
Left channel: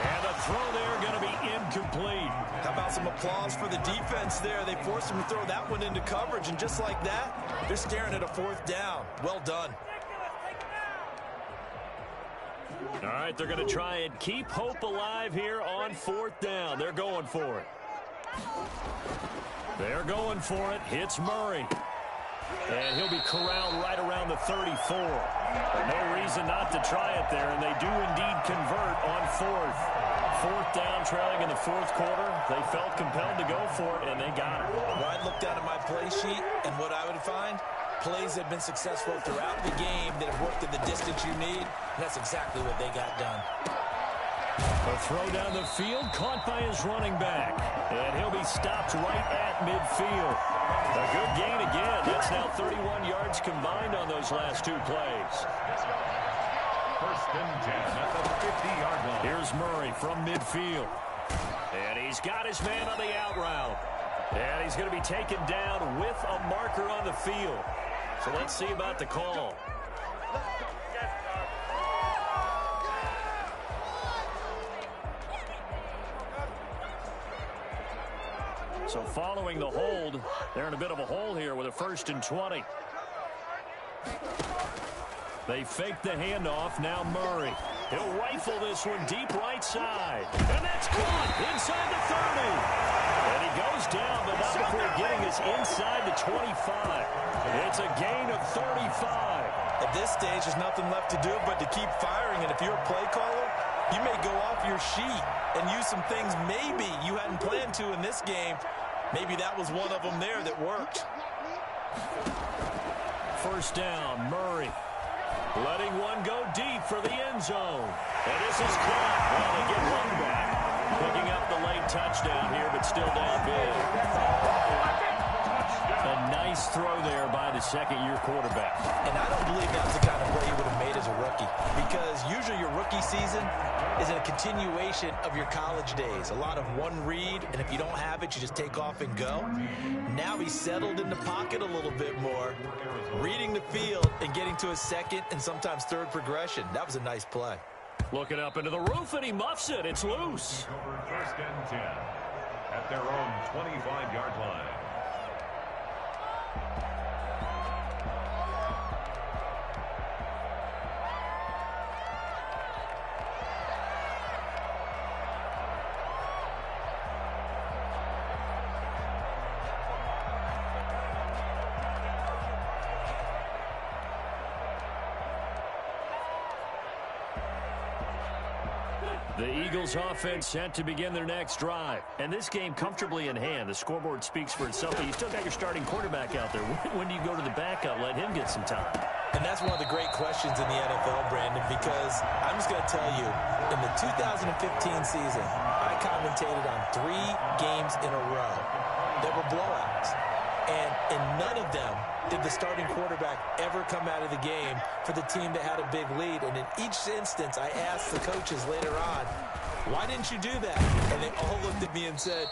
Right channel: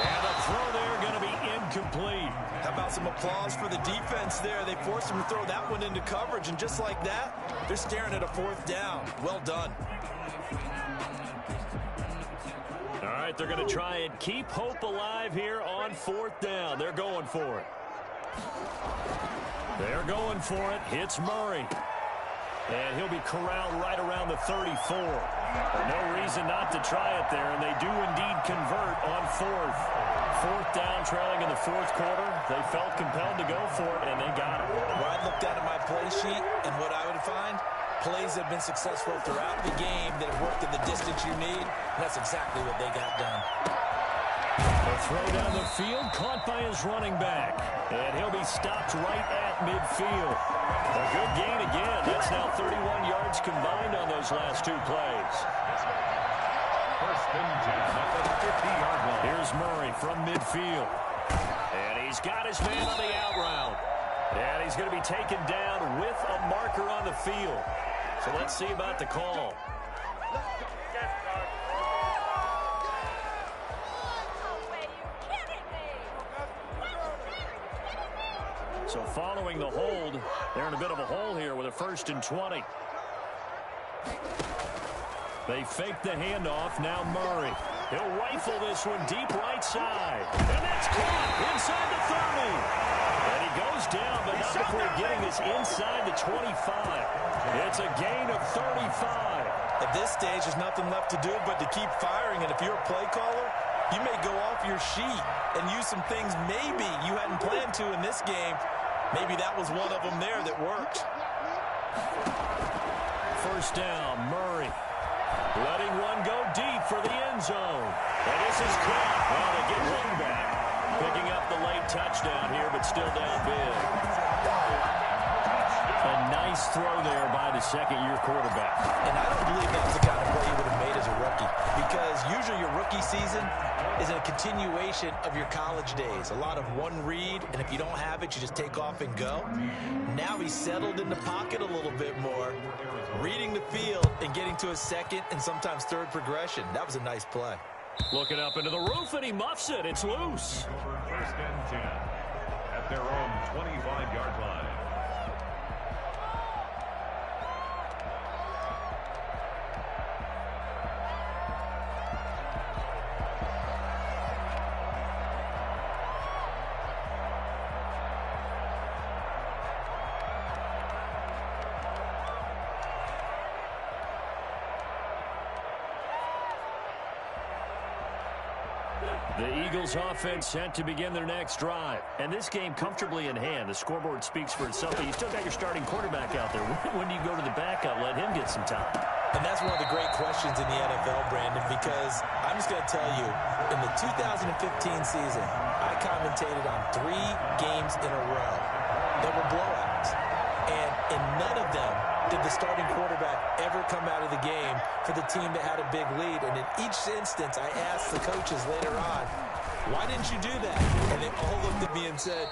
And the throw there going to be incomplete. How about some applause for the defense there? They forced him to throw that one into coverage, and just like that, they're staring at a fourth down. Well done. All right, they're going to try and keep hope alive here on fourth down. They're going for it. They're going for it. Hits Murray. And he'll be corralled right around the 34. But no reason not to try it there, and they do indeed convert on fourth. Fourth down, trailing in the fourth quarter. They felt compelled to go for it, and they got it. Well, I'd look down at my play sheet, and what I would find, plays that have been successful throughout the game that have worked at the distance you need, and that's exactly what they got done. A throw down the field, caught by his running back. And he'll be stopped right at midfield. A good gain again. That's now 31 yards combined on those last two plays. First and 10 at the 50-yard line. Here's Murray from midfield. And he's got his man on the out route. And he's going to be taken down with a marker on the field. So let's see about the call. So following the hold, they're in a bit of a hole here with a first and 20. They fake the handoff. Now Murray. He'll rifle this one deep right side. And that's caught inside the 30. And he goes down, but not before getting us inside the 25. It's a gain of 35. At this stage, there's nothing left to do but to keep firing. And if you're a play caller, you may go off your sheet and use some things maybe you hadn't planned to in this game. Maybe that was one of them there that worked. First down, Murray. Letting one go deep for the end zone. And this is caught. Well, they get one back. Picking up the late touchdown here, but still down big. A nice throw there by the second-year quarterback. And I don't believe that was the kind of play he would have made as a rookie, because usually your rookie season is a continuation of your college days. A lot of one read, and if you don't have it, you just take off and go. Now he's settled in the pocket a little bit more, reading the field and getting to a second and sometimes third progression. That was a nice play. Looking up into the roof, and he muffs it. It's loose. First and 10 at their own 25-yard line. The Eagles offense set to begin their next drive. And this game comfortably in hand. The scoreboard speaks for itself, but you still got your starting quarterback out there. When do you go to the backup? Let him get some time. And that's one of the great questions in the NFL, Brandon, because I'm just going to tell you, in the 2015 season, I commentated on 3 games in a row that were blowouts. And in none of them did the starting quarterback ever come out of the game for the team that had a big lead. And in each instance, I asked the coaches later on, why didn't you do that? And they all looked at me and said,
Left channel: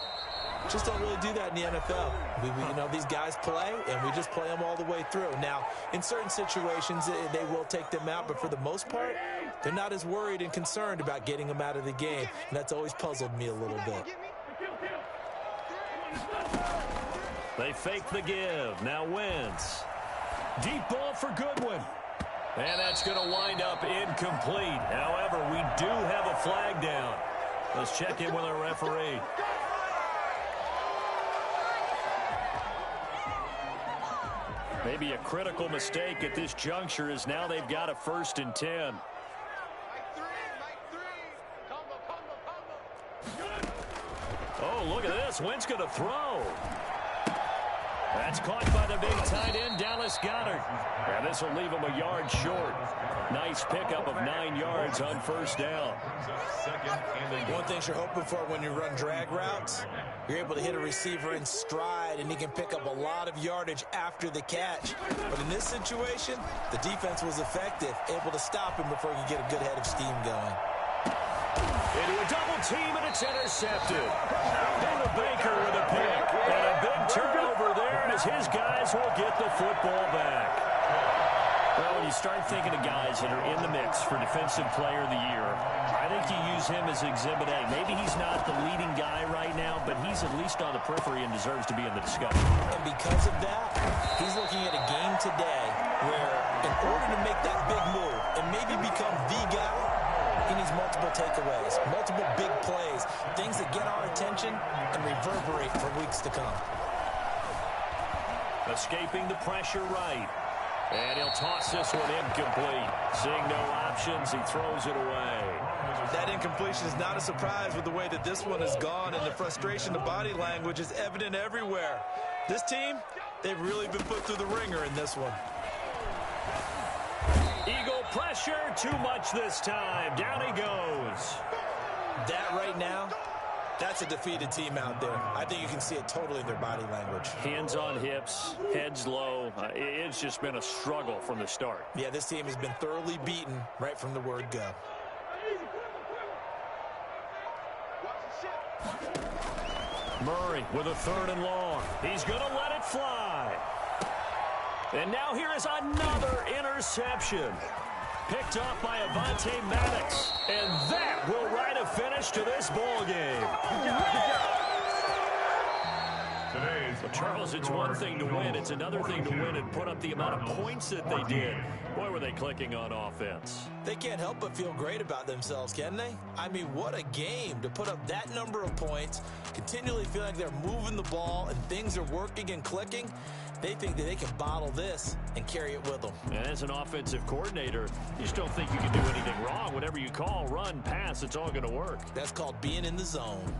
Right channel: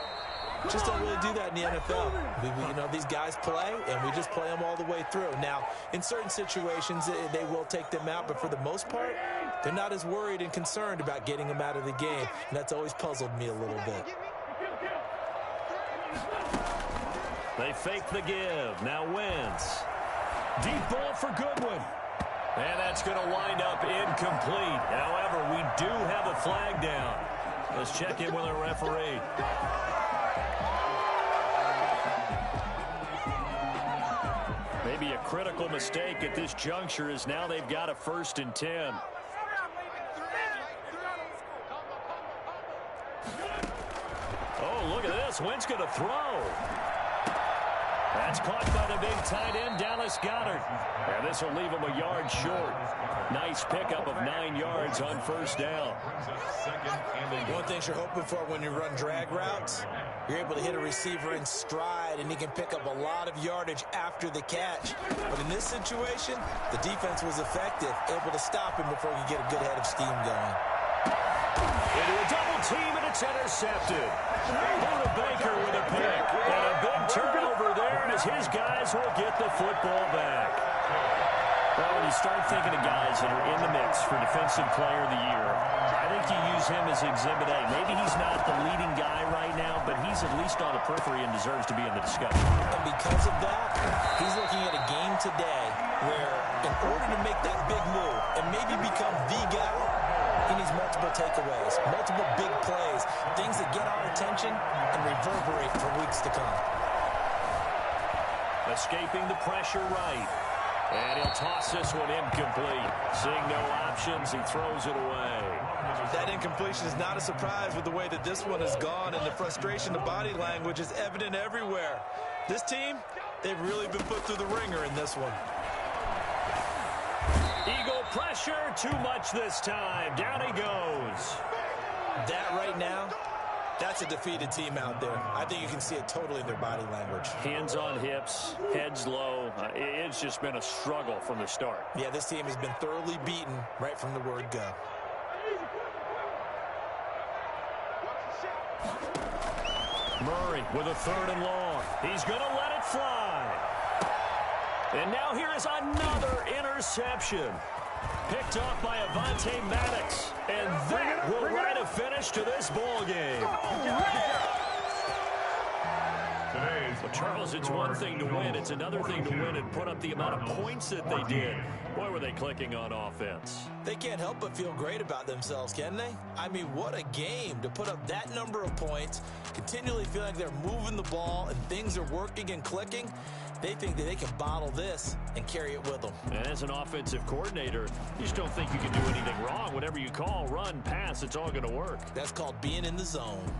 just don't really do that in the NFL. You know, these guys play, and we just play them all the way through. Now, in certain situations, they will take them out, but for the most part, they're not as worried and concerned about getting them out of the game. And that's always puzzled me a little bit. They fake the give. Now Wentz. Deep ball for Goodwin. And that's going to wind up incomplete. However, we do have a flag down. Let's check in with our referee. Maybe a critical mistake at this juncture, is now they've got a first and 10. Oh, look at this. Wentz going to throw. That's caught by the big tight end, Dallas Goedert. And this will leave him a yard short. Nice pickup of 9 yards on first down. One thing you're hoping for when you run drag routes, you're able to hit a receiver in stride, and he can pick up a lot of yardage after the catch. But in this situation, the defense was effective, able to stop him before he could get a good head of steam going. Into a double team, and it's intercepted. Buda Baker with a pick. And a big turnover there as his guys will get the football back. Well, when you start thinking of guys that are in the mix for Defensive Player of the Year, I think you use him as Exhibit A. Maybe he's not the leading guy right now, but he's at least on the periphery and deserves to be in the discussion. And because of that, he's looking at a game today where in order to make that big move and maybe become the guy, he needs multiple takeaways, multiple big plays, things that get our attention and reverberate for weeks to come. Escaping the pressure right. And he'll toss this one incomplete. Seeing no options, he throws it away. That incompletion is not a surprise with the way that this one has gone, and the frustration of body language is evident everywhere. This team, they've really been put through the ringer in this one. Eagle pressure, too much this time. Down he goes. That right now, that's a defeated team out there. I think you can see it totally in their body language. Hands on hips, heads low. It's just been a struggle from the start. Yeah, this team has been thoroughly beaten right from the word go. Murray with a 3rd and long. He's going to let it fly. And now here is another interception. Picked off by Avonte Maddox. And that will write a finish to this ball game. Well, Charles, it's one thing to win. It's another thing to win and put up the amount of points that they did. Boy, were they clicking on offense. They can't help but feel great about themselves, can they? I mean, what a game to put up that number of points, continually feel like they're moving the ball and things are working and clicking. They think that they can bottle this and carry it with them. And as an offensive coordinator, you just don't think you can do anything wrong. Whatever you call, run, pass, it's all going to work. That's called being in the zone.